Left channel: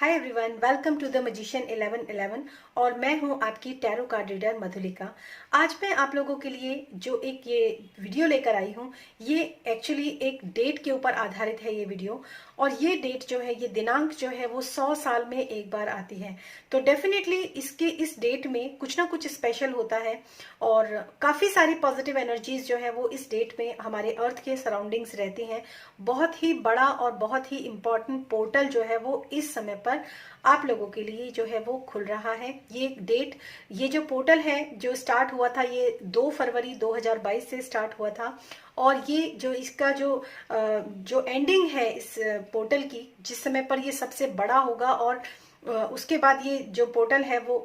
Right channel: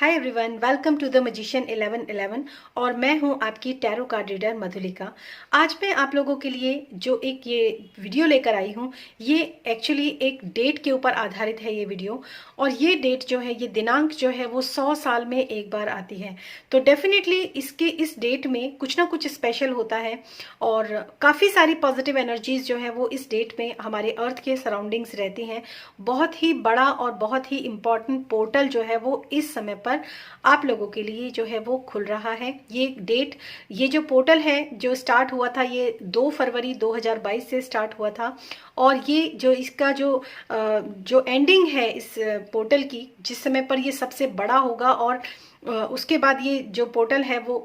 Hi everyone, welcome to the magician 1111 और मैं हूं आपकी टैरो कार्ड रीडर मधुलिका। आज मैं आप लोगों के लिए जो एक ये वीडियो लेकर आई हूं, ये एक्चुअली एक डेट के ऊपर आधारित है ये वीडियो। और ये डेट जो है, ये दिनांक जो है वो 100 साल में एक बार आती है। तो डेफिनेटली इस डेट में कुछ ना कुछ स्पेशल होता है और काफ़ी सारी पॉजिटिव एनर्जीज जो है वो इस डेट में हमारे अर्थ के सराउंडिंग्स रहती हैं। बहुत ही बड़ा और बहुत ही इम्पॉर्टेंट पोर्टल जो है वो इस समय पर आप लोगों के लिए जो है वो खुल रहा है। ये डेट, ये जो पोर्टल है जो स्टार्ट हुआ था, ये 2 फरवरी 2022 से स्टार्ट हुआ था। और ये जो इसका जो एंडिंग है इस पोर्टल की, जिस समय पर ये सबसे बड़ा होगा और उसके बाद ये जो पोर्टल है वो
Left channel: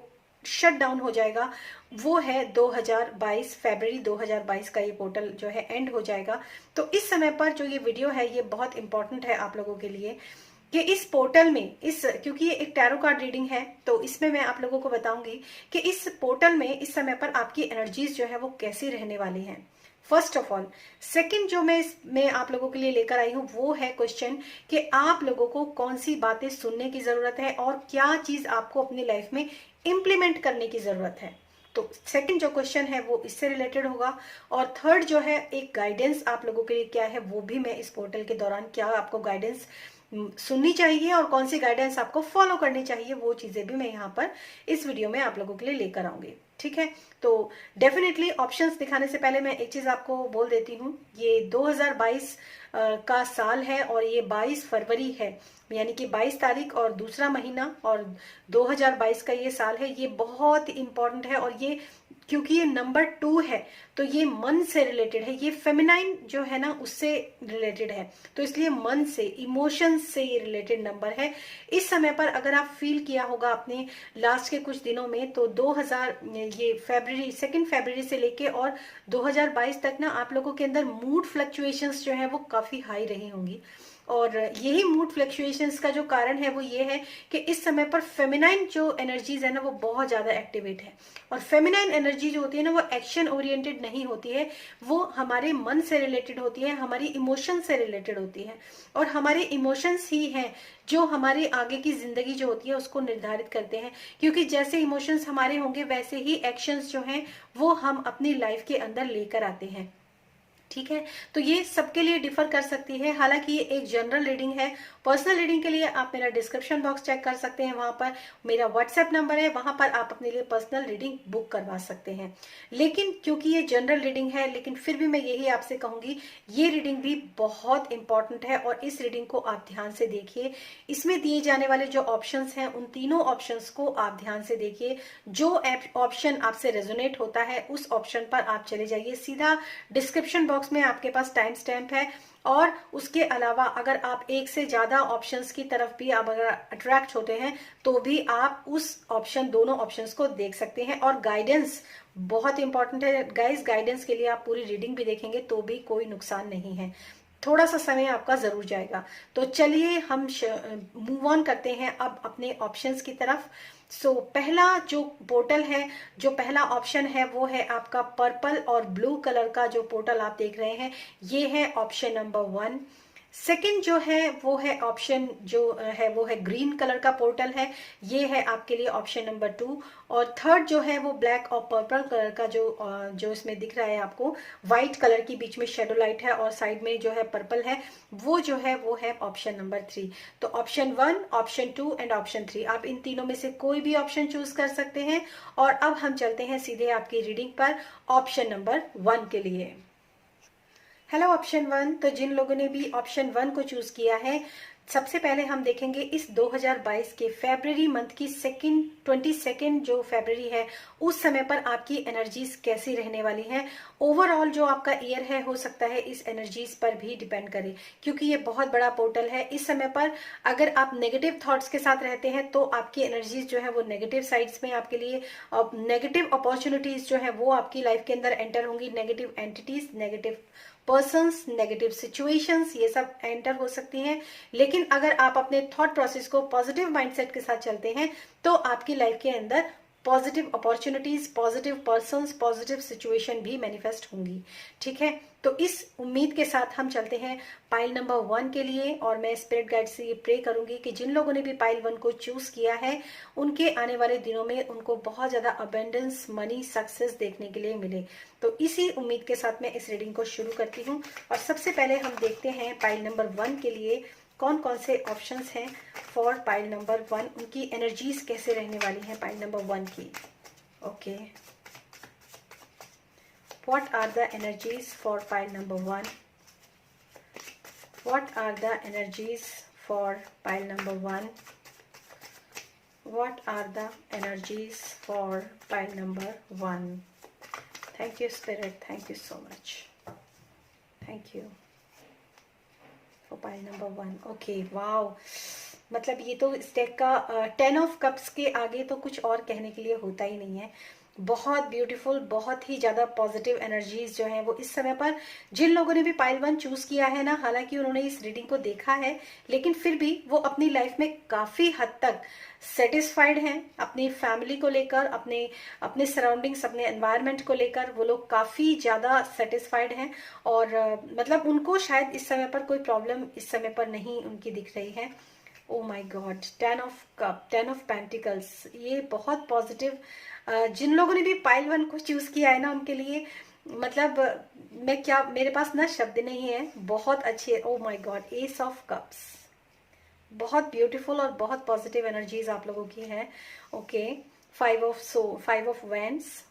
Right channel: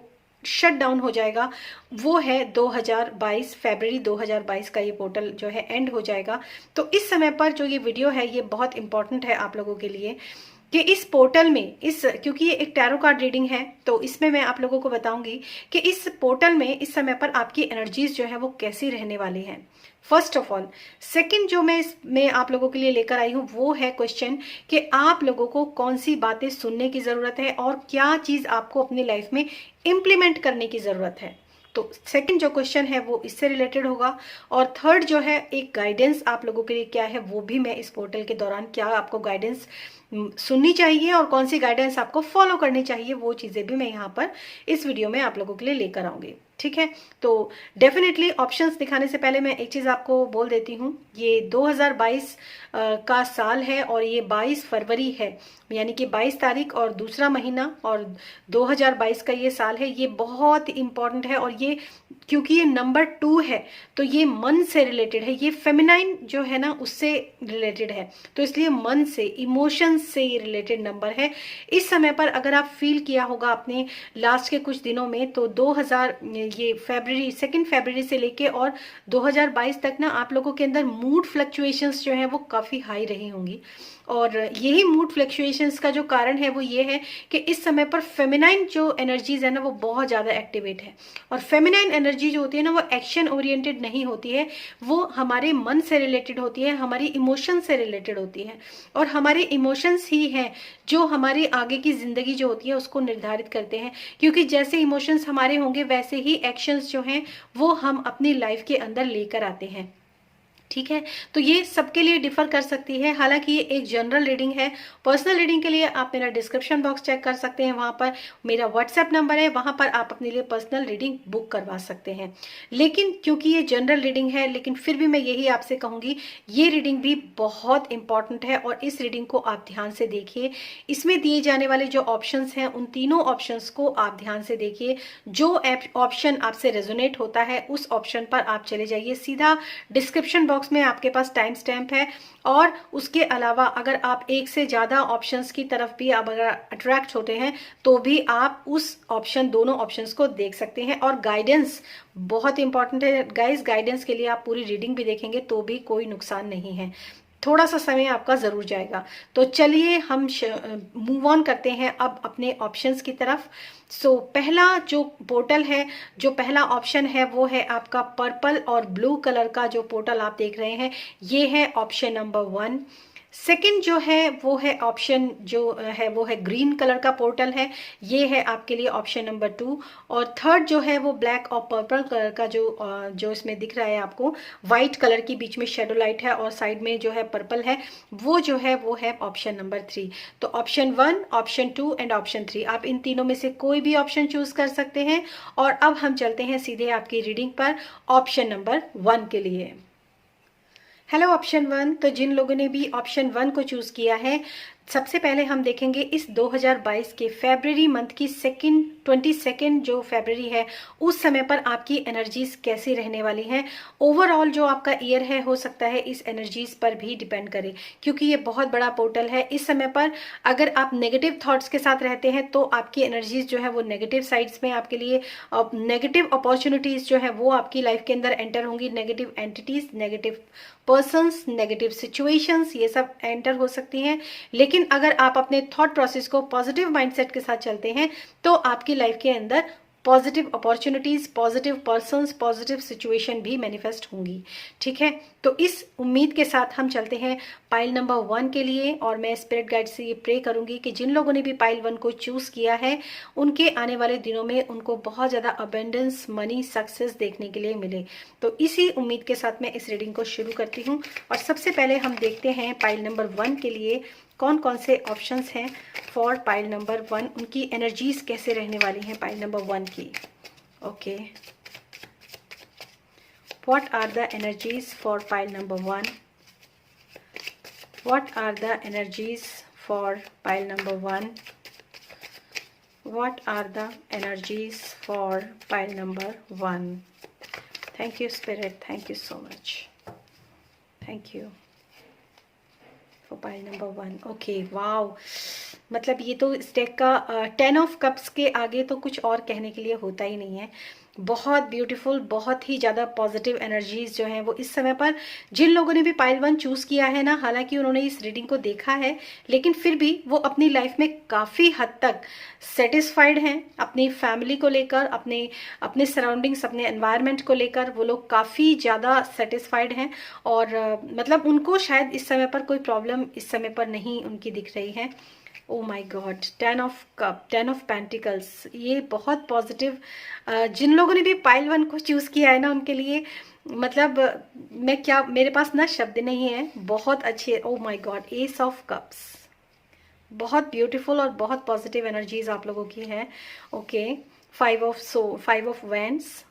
शट डाउन हो जाएगा, वो है 2022 फरवरी 2022 का ये पोर्टल जो है एंड हो जाएगा। तो इस समय पर जो ये वीडियो है ये बहुत इंपॉर्टेंट है आप लोगों के लिए कि इस पोर्टल में क्योंकि ये एक टैरो कार्ड रीडिंग है, तो इसमें मैं आप लोगों को बताऊंगी कि इस पोर्टल में इस समय पर आपकी एनर्जीज जो है वो कैसी रहने वाली हैं। फर्स्ट ऑफ ऑल, सेकंड जो मैं आप लोगों के लिए लेकर आई हूँ वो है क्वेश्चन कि आप लोगों को कौन सी बातें सुनने की जरूरत है और क्या चीज आपको अपनी लाइफ में इम्प्लीमेंट करने की जरूरत है। तो सेकंड जो क्वेश्चन है वो इससे रिलेटेड होगा। और थर्ड जो है, एक गाइडेंस आप लोगों के लिए क्या है वो भी मैं इस पोर्टल के दौरान क्या आपको गाइडेंस सुननी चाहिए और कौन सी गाइडेंस आपको फॉलो करनी चाहिए, वो चीजें भी मैं यहाँ पर इस वीडियो में आप लोगों के लिए लेकर आऊंगी। ठीक है, तो डेफिनेटली ऑप्शंस दिखाने से पहले मैं एक चीज आपको बोल देती हूँ। ये 2022 का साल है और ये 22 फरवरी है, यानी कि 22 तारीख और दूसरा महीना, और 2022 का ये साल है। ये बहुत इंपॉर्टेंट है और ये क्योंकि ये नंबर 2 है तो ये मन से रिलेटेड है, ये फेमिनाइन जो है ना उससे रिलेटेड है, तो इसलिए मन से, इमोशन से ये रिलेटेड नंबर है। इस समय पर अगर आप फील किया होगा अपने लास्ट के कुछ दिनों में, तो 2 फरवरी से लेके और 2022 तक ना आप लोगों के अंदर मूड फ्लक्चुएशंस जो है वो काफी हाई रही होंगी। और यही मूड फ्लक्चुएशंस का जो कारण है वो ये है कि इस समय पर फेमिनाइन जो एनर्जीज है ना वो बहुत ज्यादा एक्टिवेट है। और फेमिनाइन एनर्जी जो होती है ना वो एक्शन ओरिएंटेड नहीं होती है, वो हमारे मन से रिलेटेड होती है, हमारी इमोशन से रिलेटेड होती है। और हमारे इमोशंस ही हैं जो हमारी आगे की जिंदगी जो होती है उसको निर्धारित करते हैं, क्योंकि जैसे इमोशंस हमारे होंगे वैसे ही एक्शंस जो हैं वो हम अपनी लाइफ के अंदर लेकर आते हैं। ठीक है, तो ये सबके लिए डिफर कर सकती है। हालांकि ये एक जनरल रीडिंग है। पर्सनल रीडिंग के लिए आप मेरा डिस्क्रिप्शन बॉक्स चेक कर सकते हैं, वहां पर मेरा व्हाट्सएप नंबर है, वहां पर आप अपने लिए पर्सनल रीडिंग बुक करवा सकते हैं। लेकिन क्योंकि ये जनरल रीडिंग है, लेकिन फिर भी मैं यही आपसे कहूंगी, ये रीडिंग भी बहुत इंपॉर्टेंट है और इस रीडिंग को आप ध्यान से देखिए। इसमें दिए जाने वाले जो ऑप्शंस हैं उन तीनों ऑप्शंस को आप ध्यान से देखिए। जो ऑप्शन आपसे रेजोनेट होता है उस ऑप्शन पर आप चले जाइए। सीधा डिस्क्रिप्शन बॉक्स में आपके पास टाइम स्टैम्प है, और उसके अलावा अगर आप एक से ज्यादा ऑप्शंस की तरफ भी अगर अट्रैक्ट होते हैं तो भी आप दोनों ऑप्शंस को देख सकते हैं। और गाइडेंस बहुत इंपॉर्टेंट है गाइस, गाइडेंस के लिए आप पूरी रीडिंग भी देखेंगे तो भी कोई नुकसान नहीं है, थोड़ा सा समय आपका जरूर जाएगा। तो चलिए हम मूव ऑन करते हैं अब अपने ऑप्शंस की तरफ। पहला जो पोर्टल है, जो पहला ऑप्शन है वो है आपका पर्पल और ब्लू कलर का जो पोर्टल आप देख रहे हैं, ये है ऑप्शन नंबर 1। सेकंड जो है वो है ऑप्शन जो है वो है ग्रीन कलर का पोर्टल है, ये है आपके लिए ऑप्शन नंबर 2। और थर्ड जो है वो ब्लैक और पर्पल कलर का जो इसमें दिख रहा है आपको, व्हाइट कलर की बीच में शेडो लाइट है और साइड में जो है पर्पल है, वो जो है वो है ऑप्शन नंबर 3। तो ऑप्शन 1, ऑप्शन 2 एंड ऑप्शन 3, आप इन तीनों में से कोई भी ऑप्शन चूज कर सकते हैं। और अब हम चलते हैं सीधे आपकी रीडिंग पर ऑप्शन नंबर 1 के लिए। हेलो ऑप्शन 1, तो जिन लोगों ने भी ऑप्शन 1 को चूज किया है, सबसे पहले हम देखेंगे इस 2022 के फरवरी मंथ की 22 जो फरवरी है उस समय पर आपकी एनर्जीज कैसी रहने वाली हैं। ओवरऑल जो आपका ईयर है हो सकता है इस एनर्जीज पर भी डिपेंड करे, क्योंकि ये बहुत बड़ा पोर्टल है। इस समय पर अगर आप नेगेटिव थॉट्स के साथ रहते हैं तो आपकी एनर्जीज जो है वो नेगेटिव साइड्स में आपके लिए नेगेटिव अपॉर्चुनिटीज जो है वो आपकी लाइफ के अंदर एंटर होंगी। Negative entities, negative persons, negative situations, ये सब एंटर हो सकती हैं। लेकिन अगर आप अपने थॉट प्रोसेस को पॉजिटिव माइंडसेट के साथ चलते हैं तो आपकी लाइफ के अंदर positive opportunities, positive persons, positive situation भी मैनिफेस्ट होंगी। ठीक है, तो इस उम्मीद के साथ हम चलते हैं पाइल नंबर 1 के लिए। और मैं स्पिरिट गाइड से ये प्रे करूंगी कि जिन लोगों ने भी पाइल 1 को चूज किया है, उनके आने वाले दिनों में उनको बहुत ज्यादा अबेंडेंस, मनी, सक्सेस देखने के लिए मिले। तो इसी उम्मीद के साथ मैं इस रीडिंग को शुरू करती हूँ। और सबसे पहले हम देखते हैं पाइल नंबर 1 के लिए कौन कौन से ऑप्शंस हैं फॉर पाइल नंबर 1, उनकी एनर्जीज कैसे रहने वाली हैं पाइल नंबर 1 की। Okay, what are the energies for pile number 1? What are the energies for pile number 1? What are the energies for pile number 1? Thank you Spirit, thank you so much, thank you for pile number 1. Okay, wow, मतलब ये तो इस deck का 10 of cups के आगे तो कुछ और कहने के लिए होता ही नहीं है। बहुत ब्यूटीफुल, बहुत ही ज्यादा पॉजिटिव एनर्जीज जो हैं वो इस समय पर जिन लोगों ने भी पाइल 1 चूज किया है ना, हालांकि उन्होंने इस रीडिंग को देखा है, लेकिन फिर भी वो अपनी लाइफ में काफी हद तक सेटिस्फाइड हैं। अपनी फैमिली को लेकर, अपने सराउंडिंग्स, अपने एनवायरनमेंट को लेकर वो लोग काफी ज्यादा सेटिस्फाइड हैं। और मतलब उनको शायद इस समय पर कोई प्रॉब्लम इस समय पर नहीं उनकी दिख रही है। Oh my god, 10 of cup, 10 of pentacles, ये बहुत पॉजिटिव। जिन लोगों ने भी पाइल 1 को चूज किया है ना, उनके लिए मतलब मैं क्या, मेरे पास ना शब्द नहीं है, बहुत अच्छे। ओ my God, S of cups, बहुत ब्यूटीफुल और बहुत पॉजिटिव एनर्जीज आप लोगों की है। Okay, 5 of wands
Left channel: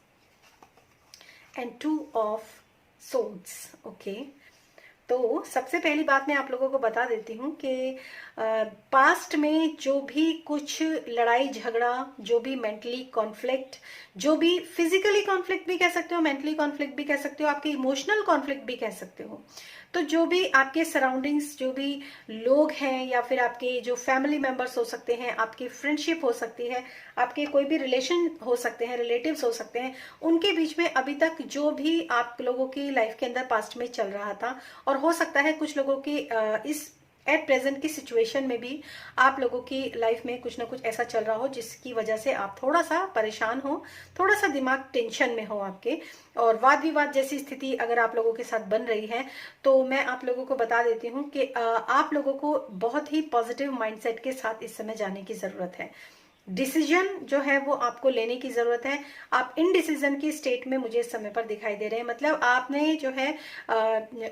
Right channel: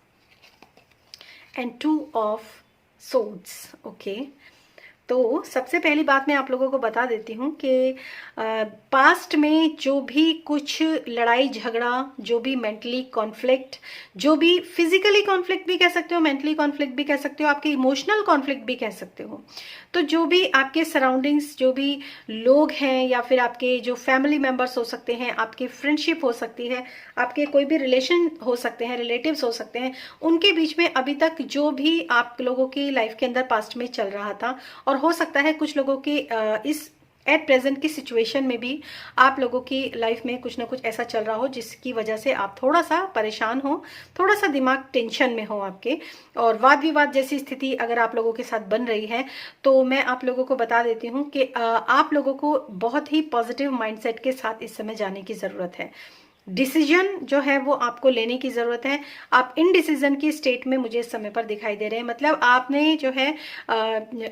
and 2 of swords. Okay, तो सबसे पहली बात मैं आप लोगों को बता देती हूँ कि पास्ट में जो भी कुछ लड़ाई झगड़ा, जो भी मेंटली कॉन्फ्लिक्ट, जो भी फिजिकली कॉन्फ्लिक्ट भी कह सकते हो, मेंटली कॉन्फ्लिक्ट भी कह सकते हो, आपके इमोशनल कॉन्फ्लिक्ट भी कह सकते हो, तो जो भी आपके सराउंडिंग्स, जो भी लोग हैं, या फिर आपके जो फैमिली मेंबर्स हो सकते हैं, आपकी फ्रेंडशिप हो सकती है, आपके कोई भी रिलेशन हो सकते हैं, रिलेटिव्स हो सकते हैं, उनके बीच में अभी तक जो भी आप लोगों की लाइफ के अंदर पास्ट में चल रहा था, और हो सकता है कुछ लोगों की इस एट प्रेजेंट की सिचुएशन में भी आप लोगों की लाइफ में कुछ ना कुछ ऐसा चल रहा हो जिसकी वजह से आप थोड़ा सा परेशान हो, थोड़ा सा दिमाग टेंशन में हो आपके, और वाद विवाद जैसी स्थिति अगर आप लोगों के साथ बन रही है, तो मैं आप लोगों को बता देती हूँ कि आप लोगों को बहुत ही पॉजिटिव माइंडसेट के साथ इस समय जाने की जरूरत है। डिसीजन जो है वो आपको लेने की जरूरत है। आप इन डिसीजन की स्टेट में मुझे इस समय पर दिखाई दे रहे हैं। मतलब आपने जो है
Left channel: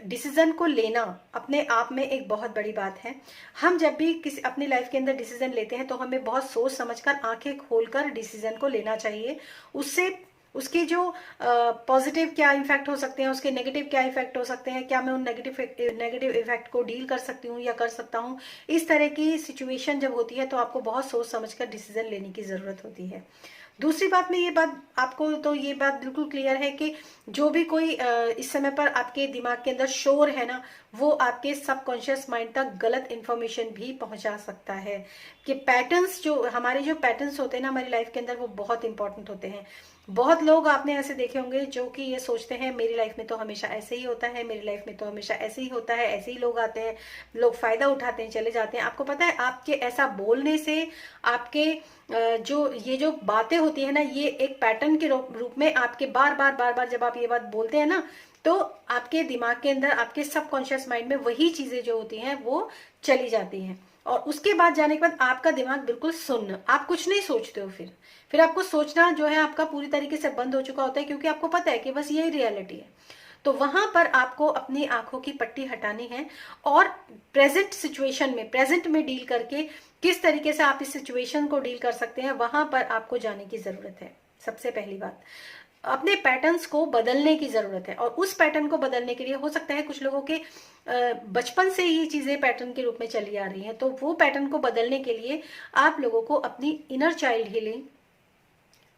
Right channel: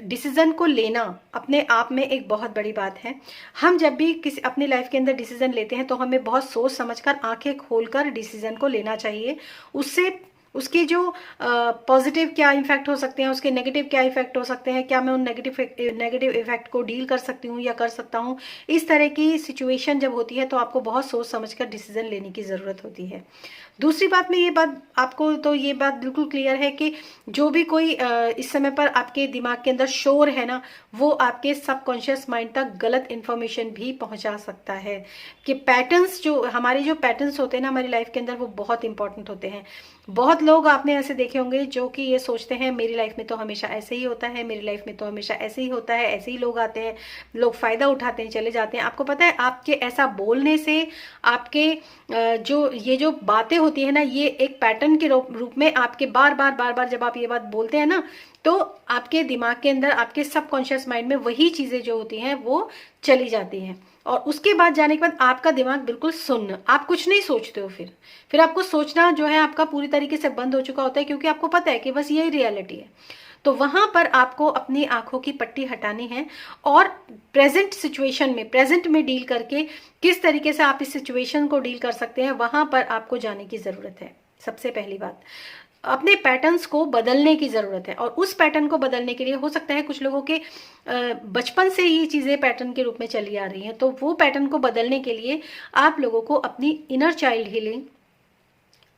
डिसीजन को लेना अपने आप में एक बहुत बड़ी बात है। हम जब भी किसी अपनी लाइफ के अंदर डिसीजन लेते हैं तो हमें बहुत सोच समझकर, आंखें खोलकर डिसीजन को लेना चाहिए। उससे उसके जो पॉजिटिव क्या इफेक्ट हो सकते हैं, उसके नेगेटिव क्या इफेक्ट हो सकते हैं, क्या मैं उन नेगेटिव इफेक्ट को डील कर सकती हूँ या कर सकता हूँ, इस तरह की सिचुएशन जब होती है तो आपको बहुत सोच समझकर डिसीजन लेने की जरूरत होती है। दूसरी बात में ये बात आपको, तो ये बात बिल्कुल क्लियर है कि जो भी कोई इस समय पर आपके दिमाग के अंदर शोर है ना, वो आपके सबकॉन्शियस माइंड तक गलत इन्फॉर्मेशन भी पहुंचा सकता है। कि पैटर्न्स, जो हमारे जो पैटर्न्स होते हैं ना हमारी लाइफ के अंदर, वो बहुत इंपॉर्टेंट होते हैं। बहुत लोग आपने ऐसे देखे होंगे जो कि ये सोचते हैं मेरी लाइफ में तो हमेशा ऐसे ही होता है, मेरी लाइफ में तो हमेशा ऐसे ही होता है, ऐसे ही लोग आते हैं, लोग फायदा उठाते हैं, चले जाते हैं। आपको पता है आपके ऐसा बोलने से, आपके जो बातें होती है ना, ये एक पैटर्न के रूप में आपके बार बार जब आप ये बात बोलते हैं ना, तो आपके दिमाग के अंदर, आपके सबकॉन्शियस माइंड में वही चीजें जो होती हैं वो चली जाती हैं। और उसके बाद जाने के बाद आपका दिमाग बिल्कुल सुन्न, आप कुछ नहीं सोचते हो। फिर आपको सोचना जो है आपका पूरी तरीके से बंद हो चुका होता है, क्योंकि आपको पता है कि बस यही रियलिटी है। तो वहां पर आपको अपनी आंखों की पट्टी हटानी है और प्रेजेंट सिचुएशन में, प्रेजेंट में डील करके किस तरीके से आप इस सिचुएशन को डील कर सकते हैं, वहां पर आपको जाने की जरूरत है। सबसे पहली बात, अपने पैटर्न्स को बदलने की जरूरत है। और उस पैटर्न को बदलने के लिए हो सकता है कुछ लोगों के बचपन से ही चीजें पैटर्न के रूप में चली आ रही हैं, तो वो पैटर्न को बदलने के लिए आप लोगों को अपनी इनर चाइल्ड हीलिंग,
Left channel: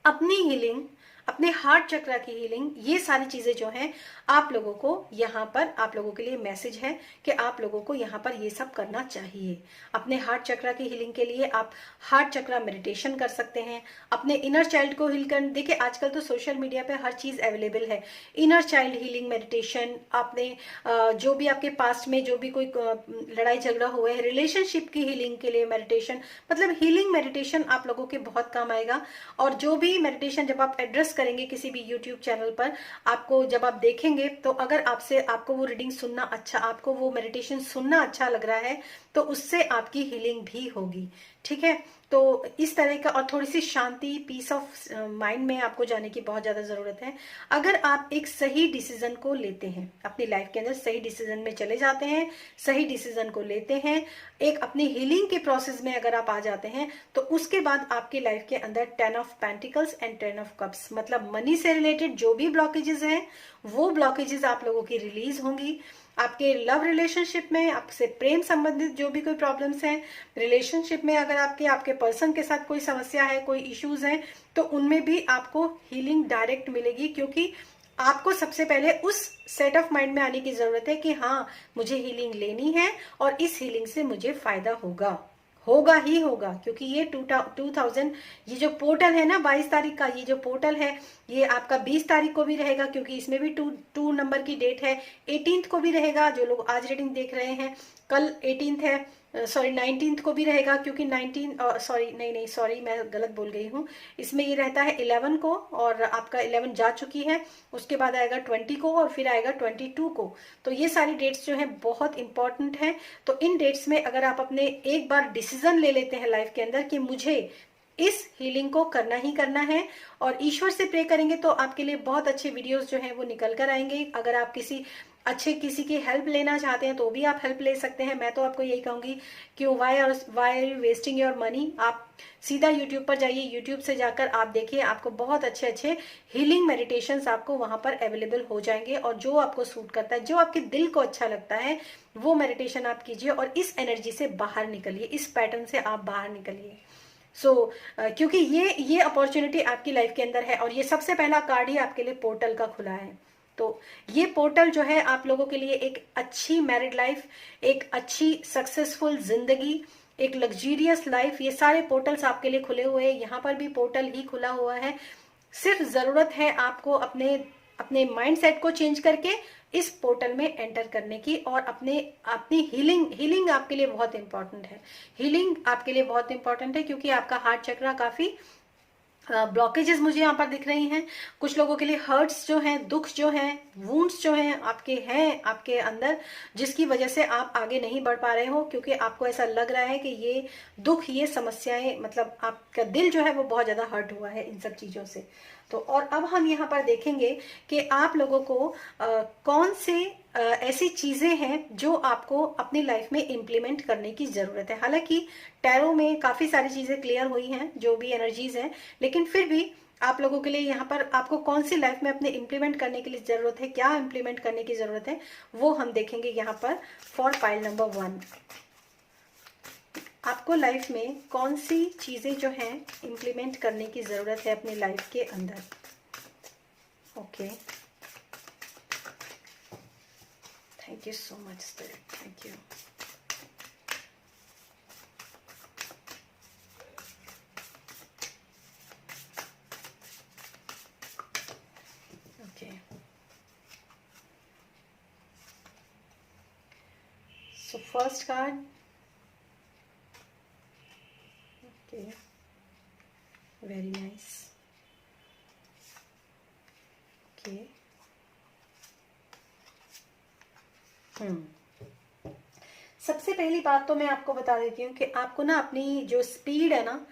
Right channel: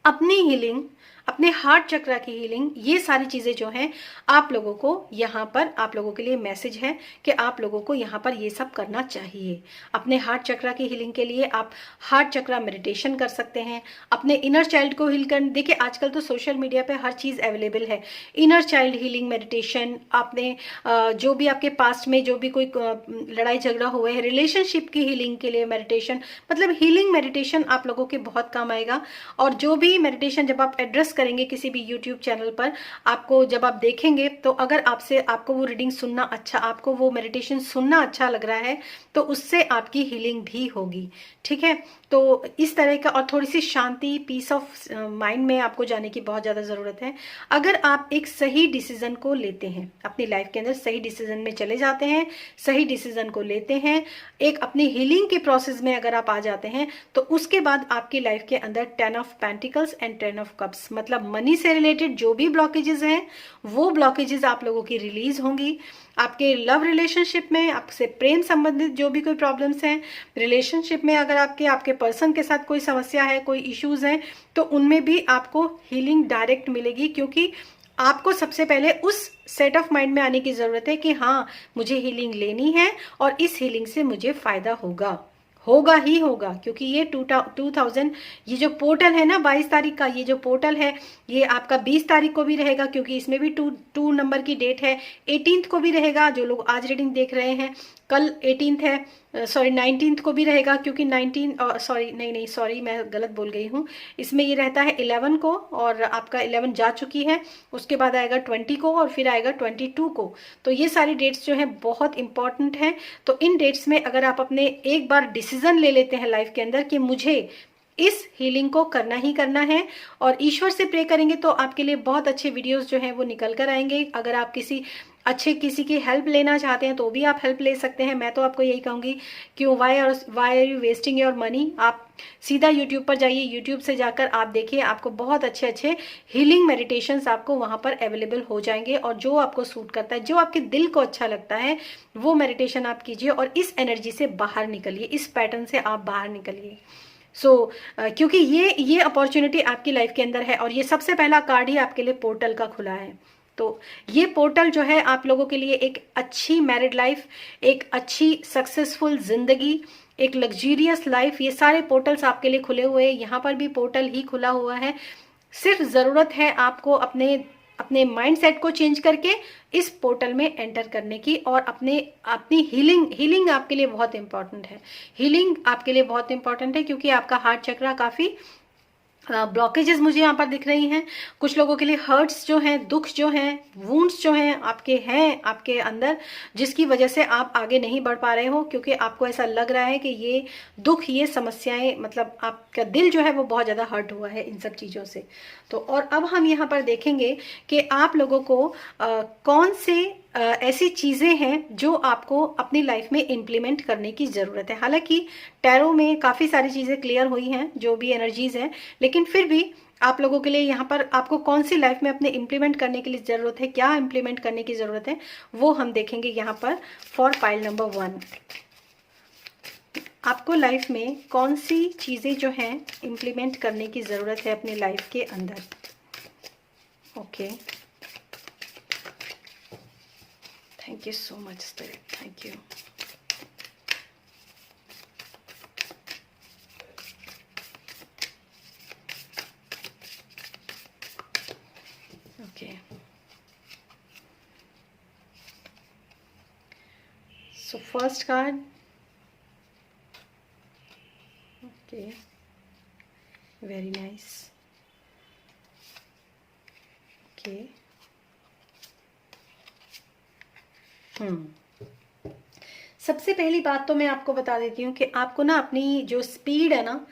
अपनी हीलिंग, अपने हार्ट चक्रा की हीलिंग, ये सारी चीजें जो हैं आप लोगों को यहाँ पर, आप लोगों के लिए मैसेज है कि आप लोगों को यहाँ पर ये सब करना चाहिए। अपने हार्ट चक्रा की हीलिंग के लिए आप हार्ट चक्रा मेडिटेशन कर सकते हैं, अपने इनर चाइल्ड को हील कर, देखिए आजकल तो सोशल मीडिया पे हर चीज अवेलेबल है। इनर चाइल्ड हीलिंग मेडिटेशन, आपने जो भी आपके पास्ट में जो भी कोई लड़ाई झगड़ा हुआ है, रिलेशनशिप की हीलिंग के लिए मेडिटेशन, मतलब हीलिंग मेडिटेशन आप लोगों के बहुत काम आएगा। और जो भी मेडिटेशन जब आप एड्रेस करेंगे किसी भी यूट्यूब चैनल पर, आपको जब आप देखेंगे तो अगर आपको वो रीडिंग सुनना अच्छा, आपको वो मेडिटेशन सुनना अच्छा लग रहा है तो उससे आपकी हीलिंग भी होगी। ठीक है, तो इस तरह का, और थोड़ी सी शांति, पीस ऑफ माइंड में आपको जाने की बहुत ज्यादा जरूरत है। अगर आप एक सही डिसीजन को लेते हैं अपनी लाइफ के अंदर, सही डिसीजन में चले जाते हैं, सही डिसीजन को लेते हैं, एक अपनी हीलिंग के प्रोसेस में अगर आप आ जाते हैं, तो उसके बाद आपकी लाइफ के अंदर 10 of pentacles and 10 of cups, मतलब मनी से रिलेटेड जो भी ब्लॉकेजेस हैं वो ब्लॉकेजेस आप लोगों की रिलीज होंगी। आपके लव रिलेशनशिप में, आपसे प्रेम संबंधित जो भी कोई प्रॉब्लम्स हैं, रिलेशनशिप में अगर आपके पर्सन के साथ कोई समस्या है, कोई इश्यूज हैं, तो उनमें भी आपको हीलिंग डायरेक्ट मिलेगी। क्योंकि आपको सबसे पहले उस सेट ऑफ माइंड में आने की जरूरत है कि हाँ, मुझे हीलिंग लेनी है और इस हीलिंग से मुझे फायदा होगा ही होगा। क्योंकि ये 2000, ये जो पोर्टल है ना 22 तारीख का, ये जो पोर्टल है ये आपका 20 तारीख को भी रहेगा, क्योंकि इसमें भी 2 नंबर की डेट है। 18th को भी रहेगा, जो लोग आज रीडिंग देख रहे हैं, कल 18th है, सॉरी 19th को भी रहेगा, क्योंकि 19 सॉरी नहीं सॉरी मैं गलत बोल गई हूँ। इसमें ये रहता है 11 को, और आपका 11 जा चुकी है, उसके बाद आएगा 20 को और फिर आएगा 22 को। तो ये सारी डेट्स जो है बहुत इंपॉर्टेंट है। तो इन डेट्स में अगर आप अपने एक बार डिसीजन ले लेते हैं लाइफ के अंदर कि मुझे इस हीलिंग को करना ही करना है, और ईश्वर से प्रे करेंगे तो आपके लिए बहुत अच्छे वीडियोस जो हैं वो निकल कर आएंगे। अगर आप किसी की हेल्प लेना चाहते हैं तो भी आप हेल्प ले सकते हैं। मैं तो आपको यही कहूंगी, क्यों, why are you wasting your money. आप सीधा यूट्यूब पर जाइए, यूट्यूब से जाकर आप देखिए, आपको बहुत अच्छे अच्छे हीलिंग मेडिटेशंस आपको वहां पर अवेलेबल हो जाएंगे। और जो आपको सूट करता है, जो आपके दिल को अच्छा लगता है, वो मेडिटेशन आप कीजिए और इस एनर्जी से बाहर निकलिए, इस पैटर्न से आप बाहर निकलिए। क्योंकि ये अपॉर्चुनिटी आपकी लाइफ के अंदर है, और ये सबसे पहला कार्ड ही आपके लिए पोर्टल का खुला है। तो ये पोर्टल जो है आप लोगों के लिए एक अच्छी मैरिड लाइफ, एक अच्छी सक्सेसफुल जिंदगी, एक लग्जरियस लाइफ, ये सारे पोर्टल्स आपके लिए खुले हुए हैं। यहाँ पर भी पोर्टल ही खुला हुआ है। सिर्फ जरूरत है आपको अपने माइंडसेट को चेंज करके इस पोर्टल में एंटर करने की, और अपनी हीलिंग आपके लिए बहुत इंपॉर्टेंट है। हीलिंग आपके लिए बहुत इंपॉर्टेंट है, क्योंकि आपका हार्ट चक्रा काफी ब्लॉकेजेस मुझे यहाँ पर दिख रही हैं। कुछ लोगों के लिए हर्ट्स जो हैं, दुख जो हैं, वुंड्स जो हैं आपके अंदर, जिसकी वजह से आप आगे नहीं बढ़ पा रहे हो, क्योंकि आपको ऐसा लग रहा है कि ये दुख, ये समस्याएं, मतलब आपका दिल जो है वो बहुत ज्यादा हर्ट हुआ है इन सब चीजों से। तो और अब हम यहाँ पर देखेंगे कि आप लोगों को कौन से ऐसी चीजें हैं जो आपको अपनी लाइफ में इम्प्लीमेंट करने की जरूरत है। हालांकि टैरो में काफी सारी चीजें क्लियर हुई हैं, जो भी एनर्जीज हैं, लेकिन फिर भी आप लोगों के लिए यहाँ पर आपको कौन सी लाइफ में अपने इम्प्लीमेंट करने के लिए जरूरत है, क्या इम्प्लीमेंट करने की जरूरत है, वो हम देखेंगे यहाँ पर। फॉर पाइल नंबर 1, आपको लाइफ में कौन सी चीजें जो हैं इम्प्लीमेंट करने की जरूरत है अपनी लाइफ के अंदर। Okay, thank you so much spirit, thank you. Okay, so first card, okay, very nice, okay. सबसे पहली बात तो मैं आपको बता देती हूँ कि आपको ना अपनी जो स्पीड है ना,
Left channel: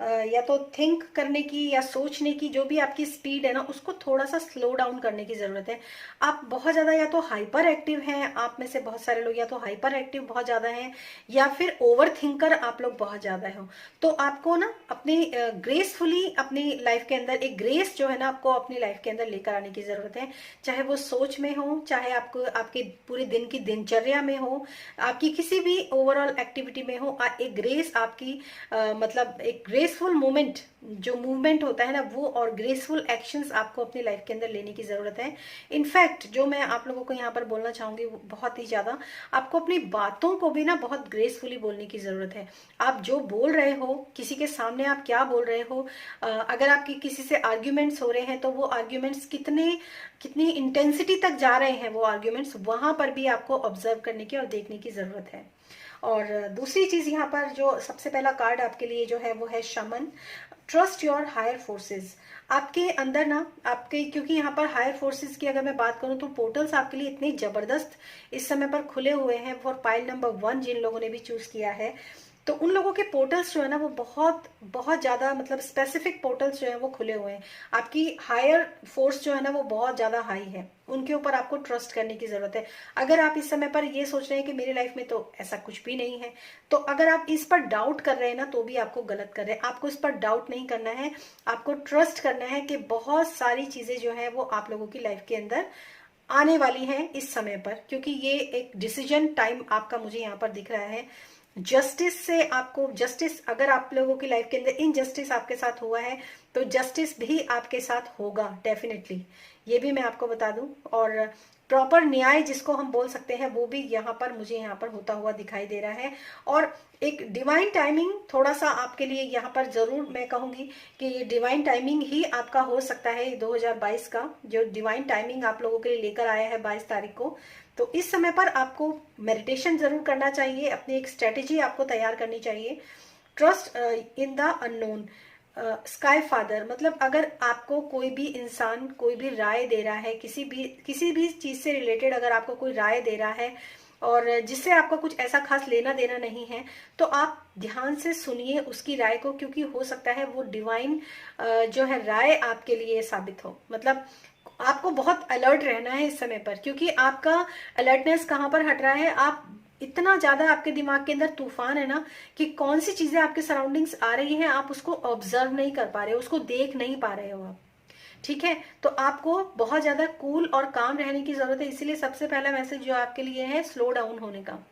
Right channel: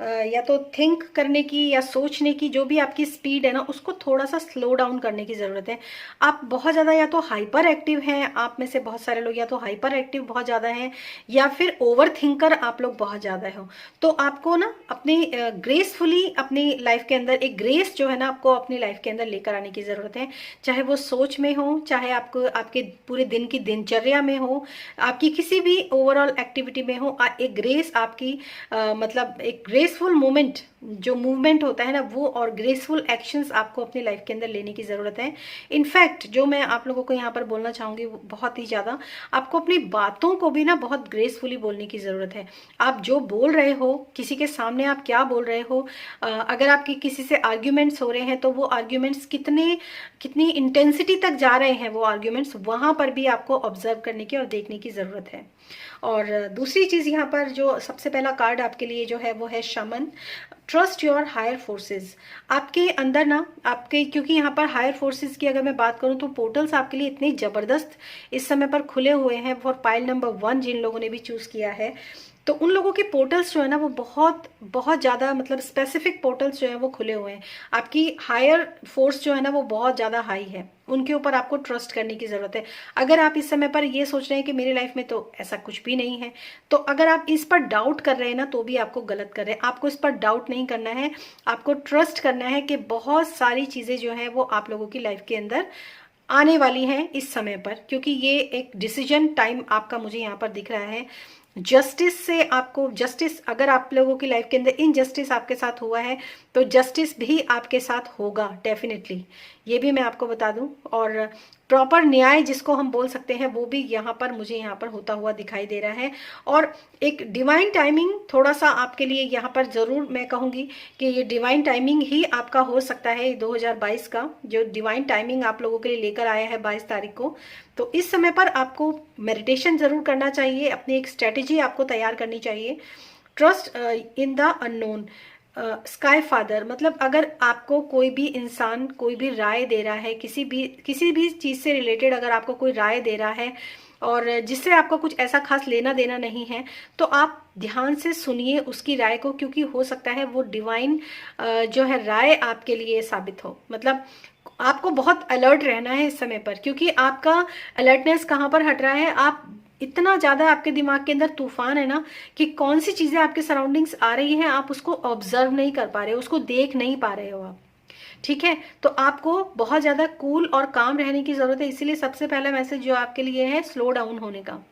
या तो थिंक करने की या सोचने की, जो भी आपकी स्पीड है ना, उसको थोड़ा सा स्लो डाउन करने की जरूरत है। आप बहुत ज्यादा या तो हाइपर एक्टिव हैं, आप में से बहुत सारे लोग या तो हाइपर एक्टिव बहुत ज्यादा हैं, या फिर ओवर थिंकर आप लोग बहुत ज्यादा हो। तो आपको ना अपनी ग्रेसफुली अपनी लाइफ के अंदर एक ग्रेस जो है ना, आपको अपनी लाइफ के अंदर लेकर आने की जरूरत है। चाहे वो सोच में हो, चाहे आपको आपके पूरे दिन की दिनचर्या में हो, आपकी किसी भी ओवरऑल एक्टिविटी में हो, एक ग्रेस आपकी मतलब एक ग्रेस ग्रेसफुल मूवमेंट, जो मूवमेंट होता है ना वो, और ग्रेसफुल एक्शंस आपको अपनी लाइफ के अंदर लेने की जरूरत है। इनफैक्ट जो मैं आप लोगों को यहाँ पर बोलना चाहूंगी वो बहुत ही ज्यादा, आपको अपनी बातों को भी ना बहुत ग्रेसफुली बोलने की जरूरत है। आप जो बोल रहे हो, किसी के सामने आप क्या बोल रहे हो, अगर आपकी किसी से आर्ग्यूमेंट्स हो रहे हैं तो वो आर्ग्यूमेंट्स कितनी इंटेंसिटी तक जा रहे हैं वो आर्ग्यूमेंट्स, वहां पर भी आपको ऑब्जर्व करने की और देखने की जरूरत है। और दूसरी चीज यहाँ पर जो सबसे पहला कार्ड आपके लिए जो है वो है shaman. Trust your higher forces. आपके अंदर ना, आपके, क्योंकि यहाँ पर हायर फोर्सेस की अगर मैं बात करूँ तो पोर्टल्स आपके लिए इतने जबरदस्त इस समय पर खुले हुए हैं फॉर पाइल नंबर 1 जिन लोगों ने भी चूज किया है। तो उन लोगों के पोर्टल्स जो है ना वो बहुत बहुत ज्यादा, मतलब स्पेसिफिक पोर्टल्स जो है वो खुले हुए हैं। आपकी हायर फोर्स जो है ना वो बहुत ज्यादा हाई है, उनके ऊपर आपको ट्रस्ट करने की जरूरत है। अगर आप इस समय पर ये सोच रहे हैं कि मेरी लाइफ में तो ऐसा कुछ भी नहीं है, तो अगर आप इस पर डाउट कर रहे हैं ना तो भी आपको गलत कर रहे हैं। आपको इस पर डाउट नहीं करना है, आपको ट्रस्ट करना है कि बहुत सारी चीजें जो है वो आप लोगों की लाइफ के अंदर आने वाली हैं इस समय पर, क्योंकि ये एक डिसीजन टाइम आपका मुझे यहाँ पर दिख रहा है। जस्टिस से आपको, जस्टिस, अगर आप लोगों की लाइफ के अंदर इनजस्टिस आपके साथ हुआ है तो जस्टिस भी आपके साथ होगा डेफिनेटली, ये भी मैं आपको बता दूं। और प्रॉपर न्याय जिसको हम बोल सकते हैं वो भी यहाँ पर मुझे यहाँ पर होता हुआ दिखाई दे रहा है। और एक डिवाइन टाइमिंग थोड़ा सा आपके लिए यहाँ पर जरूर मैं कहूंगी कि ये डिवाइन टाइमिंग ही आपका हो सकता है 2022 का, जो डिवाइन टाइमिंग आप लोगों के लिए लेकर आया है 22 तारीख को। तो इस समय पर आपको मेडिटेशन जरूर करना चाहिए, अपनी एक स्ट्रेटेजी आपको तैयार करनी चाहिए। Trust in the unknown. Sky father, मतलब अगर आपको कोई भी इंसान कोई भी राय दे रहा है, किसी भी चीज से रिलेटेड अगर आपको कोई राय दे रहा है और जिससे आपका कुछ ऐसा खास लेना देना नहीं है, तो आप ध्यान से सुनिए उसकी राय को, क्योंकि हो सकता है वो डिवाइन जो है राय आपके लिए साबित हो। मतलब आपको बहुत अलर्ट रहना है इस समय पर, क्योंकि आपका अलर्टनेस कहाँ पर हट रहा है, आप इतना ज्यादा आपके दिमाग के अंदर तूफान है ना कि कौन सी चीजें आपके सराउंडिंग्स आ रही हैं आप उसको ऑब्जर्व नहीं कर पा रहे हो, उसको देख नहीं पा रहे हो आप। ठीक है, तो आपको बहुत ज्यादा कूल और काम रहने की जरूरत है। इसीलिए सबसे पहला मैसेज जो आपके लिए है स्लो डाउन होने का।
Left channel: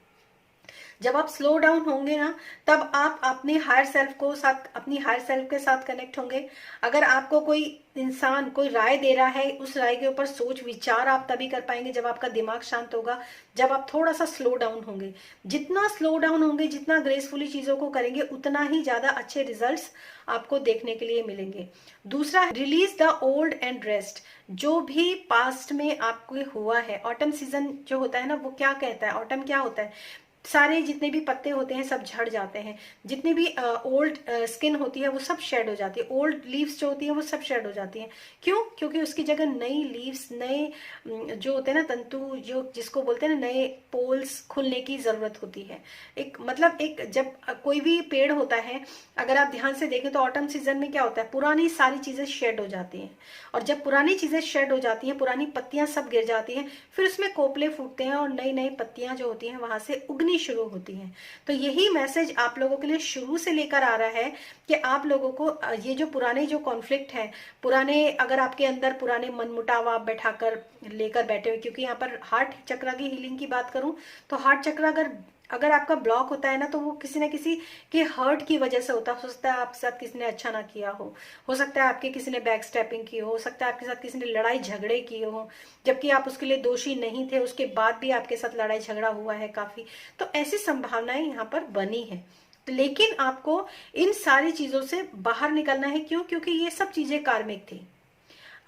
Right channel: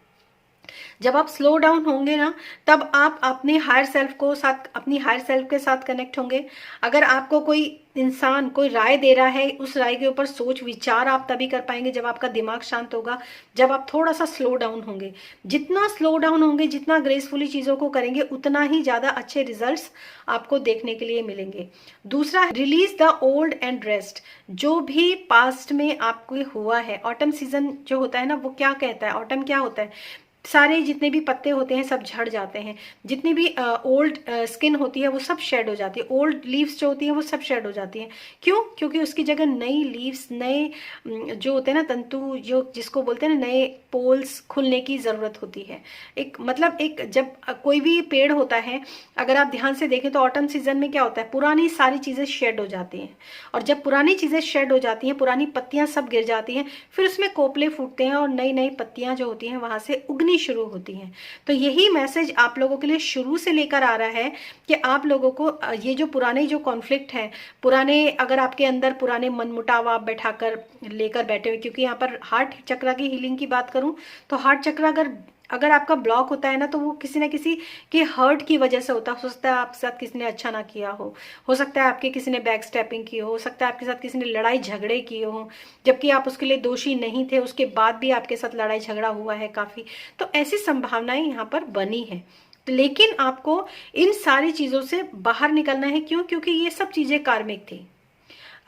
जब आप स्लो डाउन होंगे ना तब आप अपने हायर सेल्फ को साथ, अपनी हायर सेल्फ के साथ कनेक्ट होंगे। अगर आपको कोई इंसान कोई राय दे रहा है, उस राय के ऊपर सोच विचार आप तभी कर पाएंगे जब आपका दिमाग शांत होगा, जब आप थोड़ा सा स्लो डाउन होंगे। जितना स्लो डाउन होंगे, जितना ग्रेसफुली चीजों को करेंगे, उतना ही ज्यादा अच्छे रिजल्ट्स आपको देखने के लिए मिलेंगे। दूसरा, release the old and rest. जो भी पास्ट में आपको हुआ है, ऑटम सीजन जो होता है ना वो क्या कहता है, ऑटम क्या होता है, सारे जितने भी पत्ते होते हैं सब झड़ जाते हैं, जितनी भी ओल्ड स्किन होती है वो सब शेड हो जाती है, ओल्ड लीव्स जो होती है वो सब शेड हो जाती हैं। क्यों? क्योंकि उसकी जगह नई लीव्स, नए जो होते हैं ना तंतु, जो जिसको बोलते हैं ना, नए पोल्स खुलने की जरूरत होती है। एक मतलब एक जब कोई भी पेड़ होता है, अगर आप ध्यान से देखें तो ऑटम सीजन में क्या होता है, पुरानी सारी चीजें शेड हो जाती हैं, और जब पुरानी चीजें शेड हो जाती हैं, पुरानी पत्तियां सब गिर जाती हैं, फिर उसमें कोपले फूटते हैं और नई नई पत्तियां जो होती हैं वहां से उगनी शुरू होती हैं। तो यही मैसेज आप लोगों के लिए शुरू से लेकर आ रहा है कि आप लोगों को ये जो पुराने जो कॉन्फ्लिक्ट है, पुराने, अगर आपके अंदर पुराने मनमुटाव आप बैठाकर लेकर बैठे हुए, क्योंकि यहाँ पर हार्ट चक्र की हीलिंग की बात करूं तो हार्ट चक्र अगर आपका ब्लॉक होता है ना तो वो किसी ना किसी के हर्ट की वजह से होता है। हो सकता है आपके साथ किसी ने अच्छा ना किया हो सकता है आपके किसी ने बैक स्टेपिंग की हो सकता है आपके साथ किसी ने लड़ाई झगड़े किए हो, जबकि आप उसके लिए दोषी नहीं थे, उसके बाद भी आपके साथ लड़ाई झगड़ा हुआ है काफी। तो ऐसी संभावनाएं यहाँ पर बनी है, लेकिन आपको इन सारी चीजों से बाहर निकलना है। क्यों? क्योंकि ये सब चीजें कार्मिक थी।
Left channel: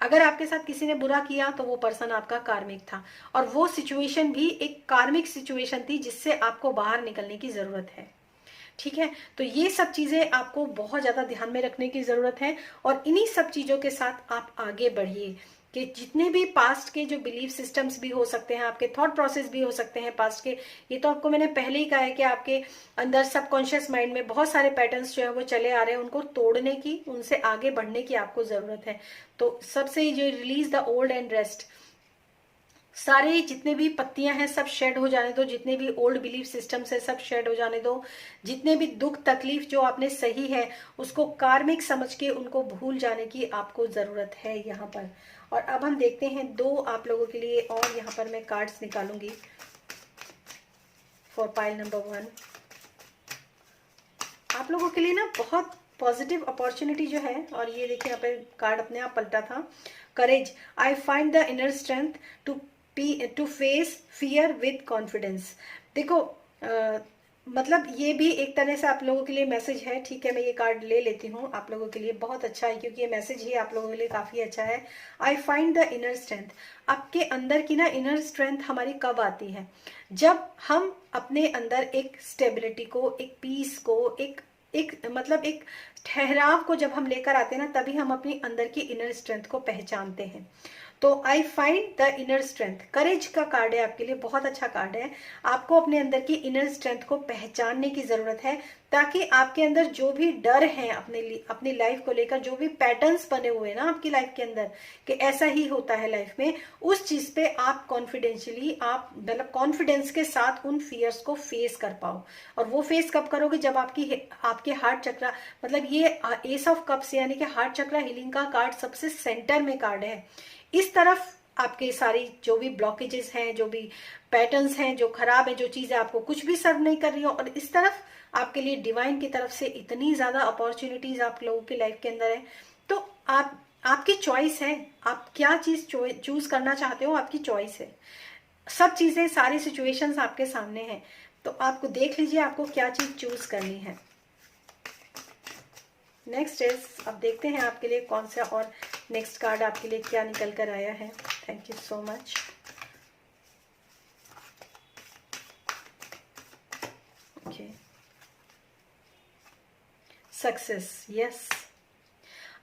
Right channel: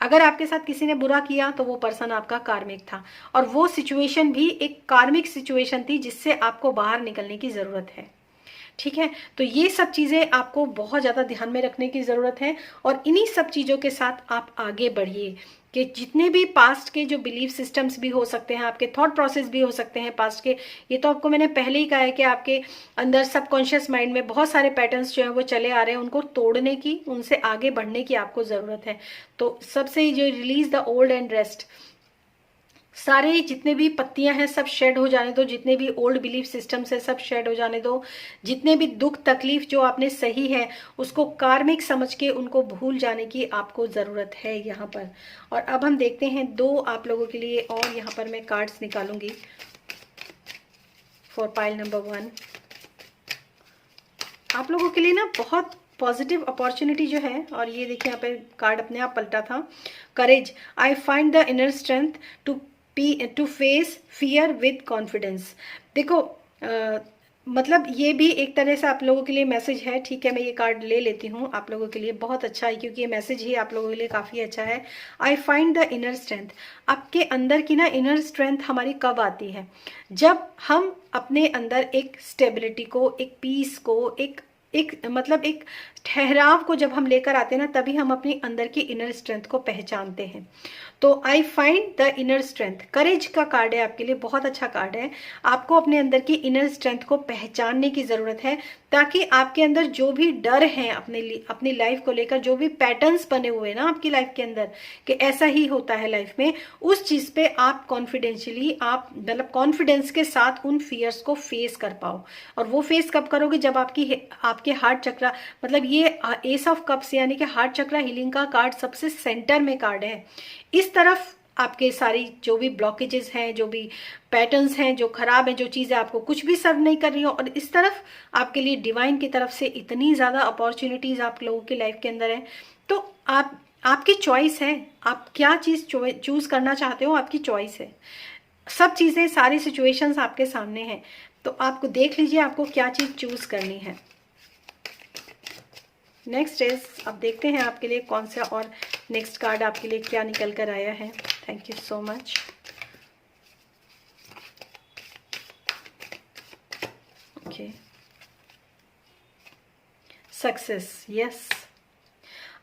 अगर आपके साथ किसी ने बुरा किया तो वो पर्सन आपका कार्मिक था, और वो सिचुएशन भी एक कार्मिक सिचुएशन थी जिससे आपको बाहर निकलने की जरूरत है। ठीक है, तो ये सब चीजें आपको बहुत ज्यादा ध्यान में रखने की जरूरत है, और इन्हीं सब चीजों के साथ आप आगे बढ़िए कि जितने भी पास्ट के जो बिलीफ सिस्टम्स भी हो सकते हैं, आपके थॉट प्रोसेस भी हो सकते हैं पास्ट के, ये तो आपको मैंने पहले ही कहा है कि आपके अंदर सबकॉन्शियस माइंड में बहुत सारे पैटर्न्स जो है वो चले आ रहे हैं, उनको तोड़ने की, उनसे आगे बढ़ने की आपको जरूरत है। तो सबसे जो release the old and rest, सारे जितने भी पत्तियां हैं सब शेड हो जाने दो, जितने भी ओल्ड बिलीफ सिस्टम्स है सब शेड हो जाने दो, जितने भी दुख तकलीफ जो आपने सही है उसको कार्मिक समझ के उनको भूल जाने की आपको जरूरत है यहाँ पर। और अब हम देखते हैं दो आप लोगों के लिए, और यहाँ पर मैं कार्ड्स निकालूंगी फॉर पाइल नंबर 1। आप लोगों के लिए ना बहुत पॉजिटिव अपॉर्चुनिटी जो है, और ये देखिए यहाँ पे कार्ड अपने आप पलटा था, courage, I find the inner strength to face fear with confidence. देखो मतलब ये भी एक तरह से आप लोगों के लिए मैसेज है, ठीक है। मैं ये कार्ड ले लेती हूँ आप लोगों के लिए, बहुत अच्छा है क्योंकि ये मैसेज ही आप लोगों के लिए काफी अच्छा है। आई फाइंड द इनर स्ट्रेंथ, आपके अंदर की ना इनर स्ट्रेंथ हमारी कब आती है, जब हम अपने अंदर एक स्टेबिलिटी को, एक पीस को, एक मतलब एक ठहराव को जब हम लेकर आते हैं ना, तभी हम अपनी अंदर की इनर स्ट्रेंथ को पहचानते हैं। तो I find the inner strength, courage का कार्ड है आपके लिए, बहुत अच्छा कार्ड है। आपको अपने अंदर की इनर स्ट्रेंथ को पहचानने की जरूरत है, ताकि आपके अंदर जो भी डर है अपनी लाइफ को लेकर, जो भी पैटर्न्स बने हुए हैं ना आपकी लाइफ के अंदर कि ऐसा ही होता है लाइफ में, उस चीज पे आप कॉन्फिडेंशियली, आप मतलब कॉन्फिडेंस के साथ उन फियर्स को फेस कर पाओ। और वो फेस कब करोगे, जब आपके हार्ट चक्रा, मतलब ये एस ऑफ कप्स यानी कि हार्ट चक्रा हीलिंग का कार्ड सबसे सेंटर में कार्ड है। इस तरफ आपके सारी जो भी ब्लॉकेजेस हैं, जो भी पैटर्न्स हैं जो खराब हैं, जो चीजें आपको कुछ भी सर्व नहीं कर रही हो, और इस तरफ आपके लिए डिवाइन की तरफ से इतनी ज्यादा अपॉर्चुनिटीज आप लोगों की लाइफ के अंदर है। तो आपकी चॉइस है, आप क्या चीज चूज करना चाहते हो, आपकी चॉइस है। सब चीजें, सारी सिचुएशंस आपके सामने हैं, तो आपको देख लीजिए आपको क्या चीज चूज करनी है। नेक्स्ट इज, अब देखते हैं आपके लिए कौन सा और नेक्स्ट कार्ड आपके लिए क्या निकल कर आया है। Thank you so much. Okay, success, yes,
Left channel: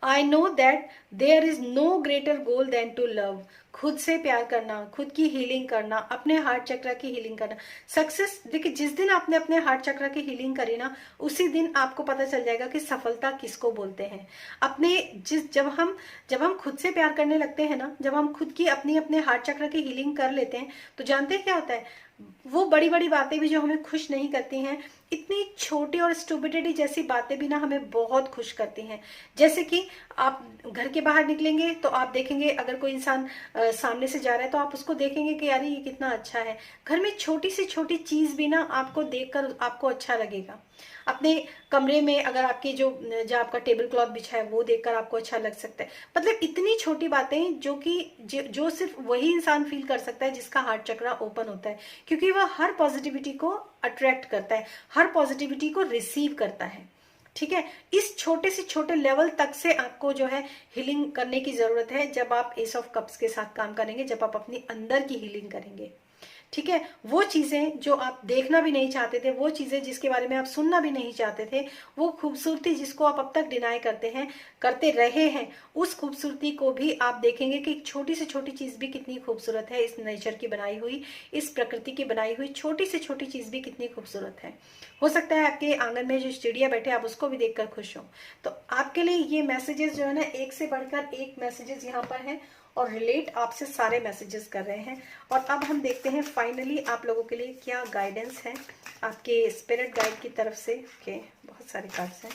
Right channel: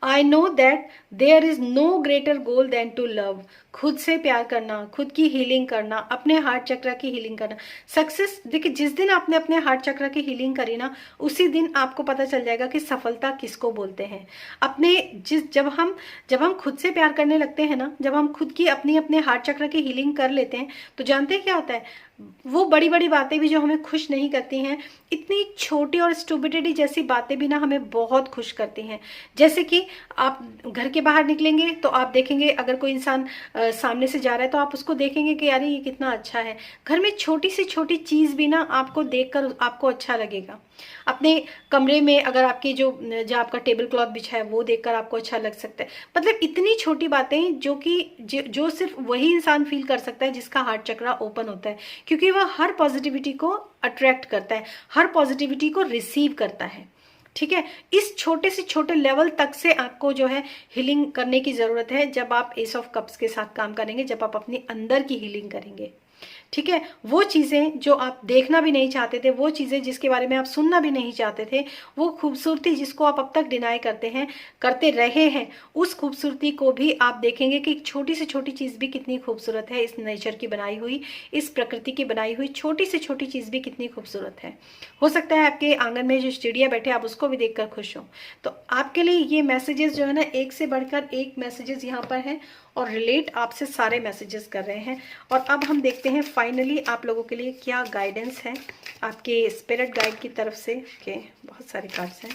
I know that there is no greater goal than to love. खुद से प्यार करना, खुद की हीलिंग करना, अपने हार्ट चक्र की हीलिंग करना, सक्सेस। देखिए, जिस दिन आपने अपने हार्ट चक्र की हीलिंग करी ना, उसी दिन आपको पता चल जाएगा कि सफलता किसको बोलते हैं। अपने जब हम खुद से प्यार करने लगते हैं ना, जब हम खुद की अपने हार्ट चक्र की हीलिंग कर लेते हैं, तो जानते हैं क्या होता है, वो बड़ी बड़ी बातें भी जो हमें खुश नहीं करती हैं, इतनी छोटी और स्टूपिडिटी जैसी बातें भी ना हमें बहुत खुश करती हैं। जैसे कि आप घर के बाहर निकलेंगे तो आप देखेंगे अगर कोई इंसान सामने से जा रहा है, तो आप उसको देखेंगे कि यार ये कितना अच्छा है। घर में छोटी सी छोटी चीज भी ना आपको देखकर आपको अच्छा लगेगा। अपने कमरे में अगर आपकी जो आपका टेबल क्लॉथ बिछा है वो देखकर आपको अच्छा लग सकता है। मतलब इतनी छोटी बातें जो कि जो सिर्फ वही इंसान फील कर सकता है जिसका हार्ट चक्रा ओपन होता है, क्योंकि वह हर पॉजिटिविटी को अट्रैक्ट करता है, हर पॉजिटिविटी को रिसीव करता है। ठीक है, इस छोटे से छोटे लेवल तक से आपको जो है हीलिंग करने की जरूरत है, जब आप एस ऑफ कप्स के साथ काम करेंगे, जब आप अपने अंदर की हीलिंग करेंगे। ठीक है, वो चीजें जो आप देखना भी नहीं चाहते थे, वो चीजें जिसके बारे में आप सुनना भी नहीं चाहते थे, वो खूबसूरती जिसको आप अब तक डिनाई करते रहे हैं, उस खूबसूरती को भी आप देखेंगे कि छोटी से छोटी चीज भी कितनी खूबसूरत है। इस नेचर की बनाई हुई, इस प्रकृति की बनाई हुई छोटी से छोटी चीज भी कितनी खूबसूरत है। हो सकता है आपके आंगन में जो चिड़िया बैठे आप उसको भी देखकर खुश हो। तो आपके लिए ये मैसेजेस जो है ना, एक से बढ़कर एक मैसेजेस यहाँ पर है, और रिलेट आपसे सारे मैसेजेस कर रहे हैं। और अब हम देखते हैं फाइनली आप लोगों के लिए क्या गाइडेंस है आपके स्पिरिट गाइड की तरफ से। ओके, बहुत सारे कार्ड्स हैं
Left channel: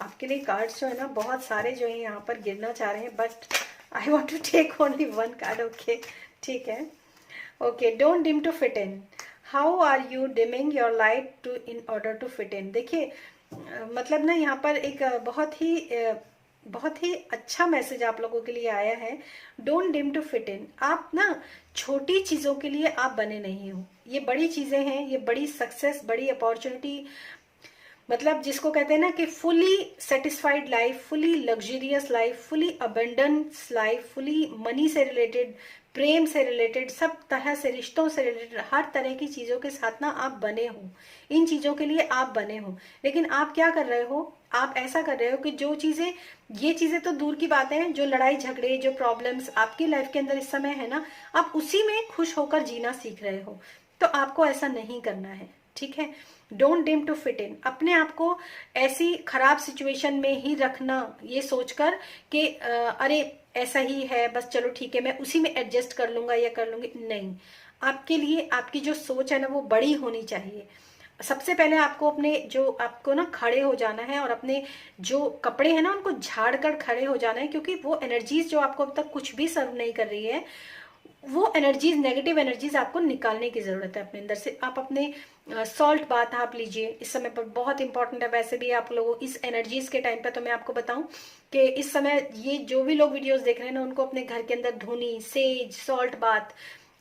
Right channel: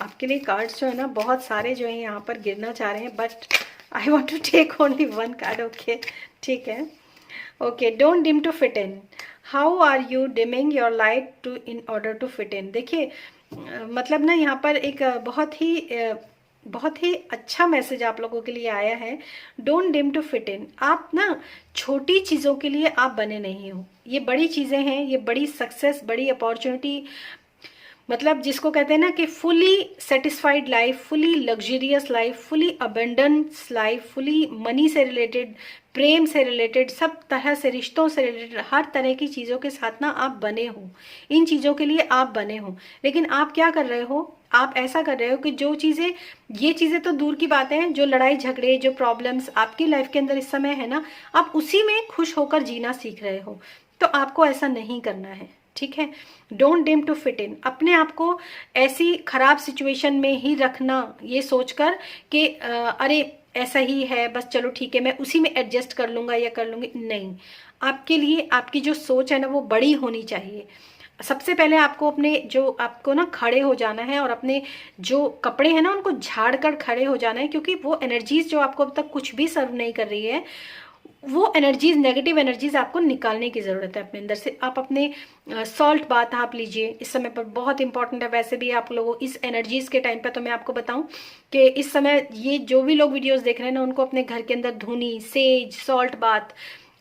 आपके लिए। कार्ड्स जो है ना बहुत सारे जो है यहाँ पर गिरना चाह रहे हैं, but I want to take only one card. Okay, ठीक है। Okay, don't dim to fit in, how are you dimming your light to in order to fit in. देखिए मतलब ना यहाँ पर एक बहुत ही अच्छा मैसेज आप लोगों के लिए आया है। Don't dim to fit in. आप ना छोटी चीजों के लिए आप बने नहीं हो, ये बड़ी चीजें हैं, ये बड़ी सक्सेस, बड़ी अपॉर्चुनिटी, मतलब जिसको कहते हैं ना कि fully satisfied life, fully luxurious life, fully abundance life, fully money से रिलेटेड, प्रेम से रिलेटेड, सब तरह से रिश्तों से रिलेटेड, हर तरह की चीजों के साथ ना आप बने हो, इन चीजों के लिए आप बने हो। लेकिन आप क्या कर रहे हो, आप ऐसा कर रहे हो कि जो चीजें, ये चीजें तो दूर की बात है, जो लड़ाई झगड़े, जो प्रॉब्लम्स आपकी लाइफ के अंदर इस समय है ना, आप उसी में खुश होकर जीना सीख रहे हो। तो आपको ऐसा नहीं करना है, ठीक है। Don't dim to fit in. अपने आप को ऐसी खराब सिचुएशन में ही रखना ये सोचकर कि अरे ऐसा ही है, बस चलो ठीक है, मैं उसी में एडजस्ट कर लूंगा या कर लूंगी, नहीं। आपके लिए आपकी जो सोच है ना वो बड़ी होनी चाहिए। सबसे पहले आपको आपको ना खड़े हो जाना है, और अपने जो कपड़े हैं ना उनको झाड़ कर खड़े हो जाना है, क्योंकि वो एनर्जीज जो आपको अब तक कुछ भी सर्व नहीं कर रही है, वो एनर्जीज, नेगेटिव एनर्जीज आपको निकालने की जरूरत है अपने अंदर से। आप अपने सॉल्ट बाथ आप लीजिए, इस समय पर बहुत इंपॉर्टेंट है। वैसे भी आप लोगों इस एनर्जीज के टाइम पे तो मैं आपको बताऊं कि इस समय ये जो भी लोग वीडियोस देख रहे हैं ना, उनको अपने घर के अंदर धूनी, सेज, सॉल्ट बाथ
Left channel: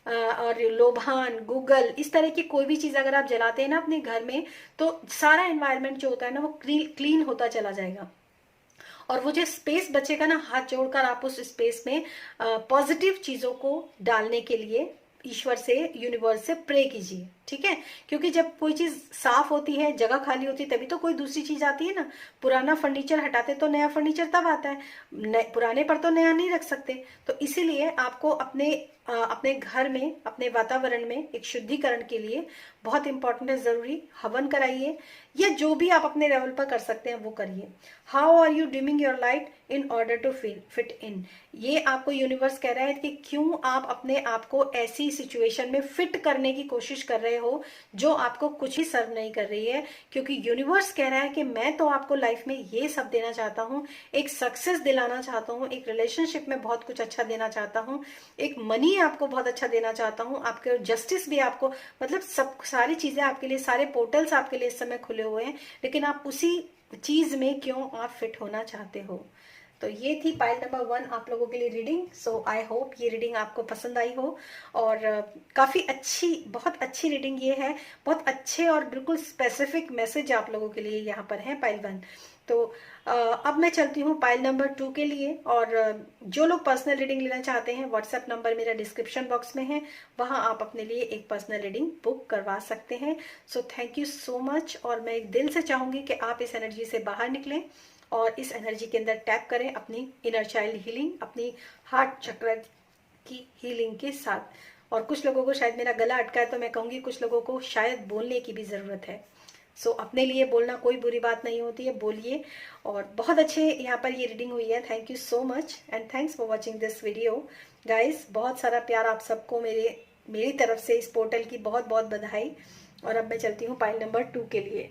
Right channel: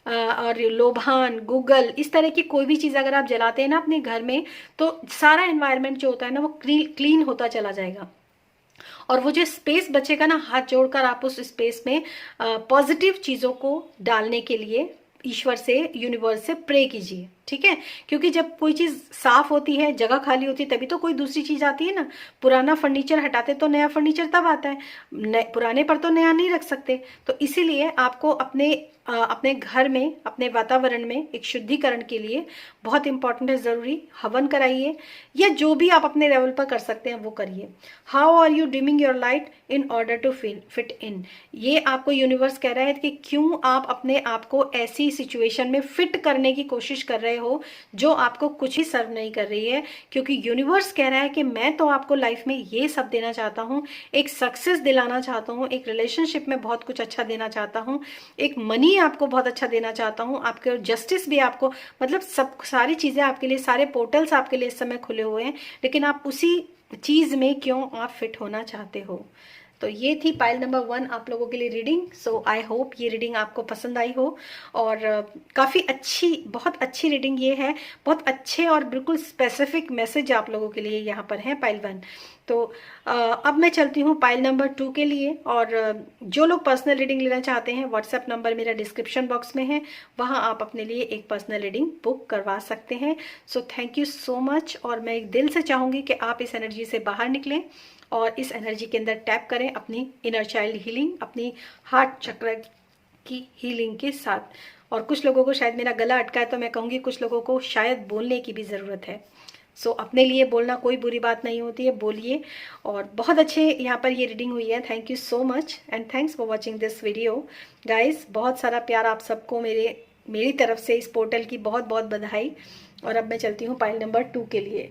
और लोबान, गूगल, इस तरह की कोई भी चीज अगर आप जलाते हैं ना अपने घर में, तो सारा एनवायरनमेंट जो होता है ना वो क्लीन होता चला जाएगा। और वो जो स्पेस बचेगा ना, हाथ जोड़कर आप उस स्पेस में पॉजिटिव चीजों को डालने के लिए ईश्वर से, यूनिवर्स से प्रे कीजिए, ठीक है। क्योंकि जब कोई चीज साफ होती है, जगह खाली होती है, तभी तो कोई दूसरी चीज आती है ना। पुराना फर्नीचर हटाते तो नया फर्नीचर तब आता है, पुराने पर तो नया नहीं रख सकते। तो इसीलिए आपको अपने घर में, अपने वातावरण में एक शुद्धिकरण के लिए बहुत इंपॉर्टेंट है, जरूरी हवन कराइए, या जो भी आप अपने लेवल पर कर सकते हैं वो करिए। How are you dimming your light in order to fit in, ये आपको यूनिवर्स कह रहा है कि क्यों आप अपने आप को ऐसी सिचुएशन में फिट करने की कोशिश कर रहे हो जो आपको कुछ ही सर्व नहीं कर रही है। क्योंकि यूनिवर्स कह रहा है कि मैं तो आपको लाइफ में ये सब देना चाहता हूँ, एक सक्सेस दिलाना चाहता हूँ, एक रिलेशनशिप में बहुत कुछ अच्छा देना चाहता हूँ, एक मनी आपको बहुत अच्छा देना चाहता हूँ, आपके जस्टिस भी आपको, मतलब सब सारी चीजें आपके लिए, सारे पोर्टल्स आपके लिए इस समय खुले हुए हैं। लेकिन आप उसी चीज में क्यों आप फिट होना चाहते हो। तो ये थी पाइल नंबर 1 आप लोगों के लिए रीडिंग। सो आई होप ये रीडिंग आपको पसंद आई हो, और काफी अच्छी, बहुत अच्छी रीडिंग ये है। बहुत अच्छे और बिल्कुल स्पेसिफिक मैसेज आप लोगों के लिए यहाँ पर है पाइल 1। तो अब मैं चलती हूँ पाइल नंबर 2 के लिए। और जो लोग पर्सनल रीडिंग लेना चाहते हैं, व्हाट्सएप नंबर मेरा डिस्क्रिप्शन बॉक्स में है, वहां आप अपने लिए एक पर्सनल रीडिंग बुक करवा सकते हैं। So thank you so much. और मैं एक दिल से चाहूंगी कि आप इस एनर्जी से बाहर निकलें और इस एनर्जी के अंदर टैप करें अपनी इनर चाइल्ड हीलिंग, अपनी हार्ट चक्र की हीलिंग के साथ। और कुछ लोगों को शायद मेरा गला अटका है, तो मैं कहूंगी कुछ लोगों को शायद बोलने की भी जरूरत है। सो अपने लिए बोलना कोई बुरी बात नहीं होती है, बोलिए। और बहुत अच्छे यहाँ पर ये रीडिंग हुई है। Thank you so much and thanks for watching this video guys. बहुत सारा प्यार आप सबको मेरी तरफ से, इस पोर्टल की बहुत बहुत बधाई। और अब मैं चलती हूँ पाइल नंबर 2 के लिए।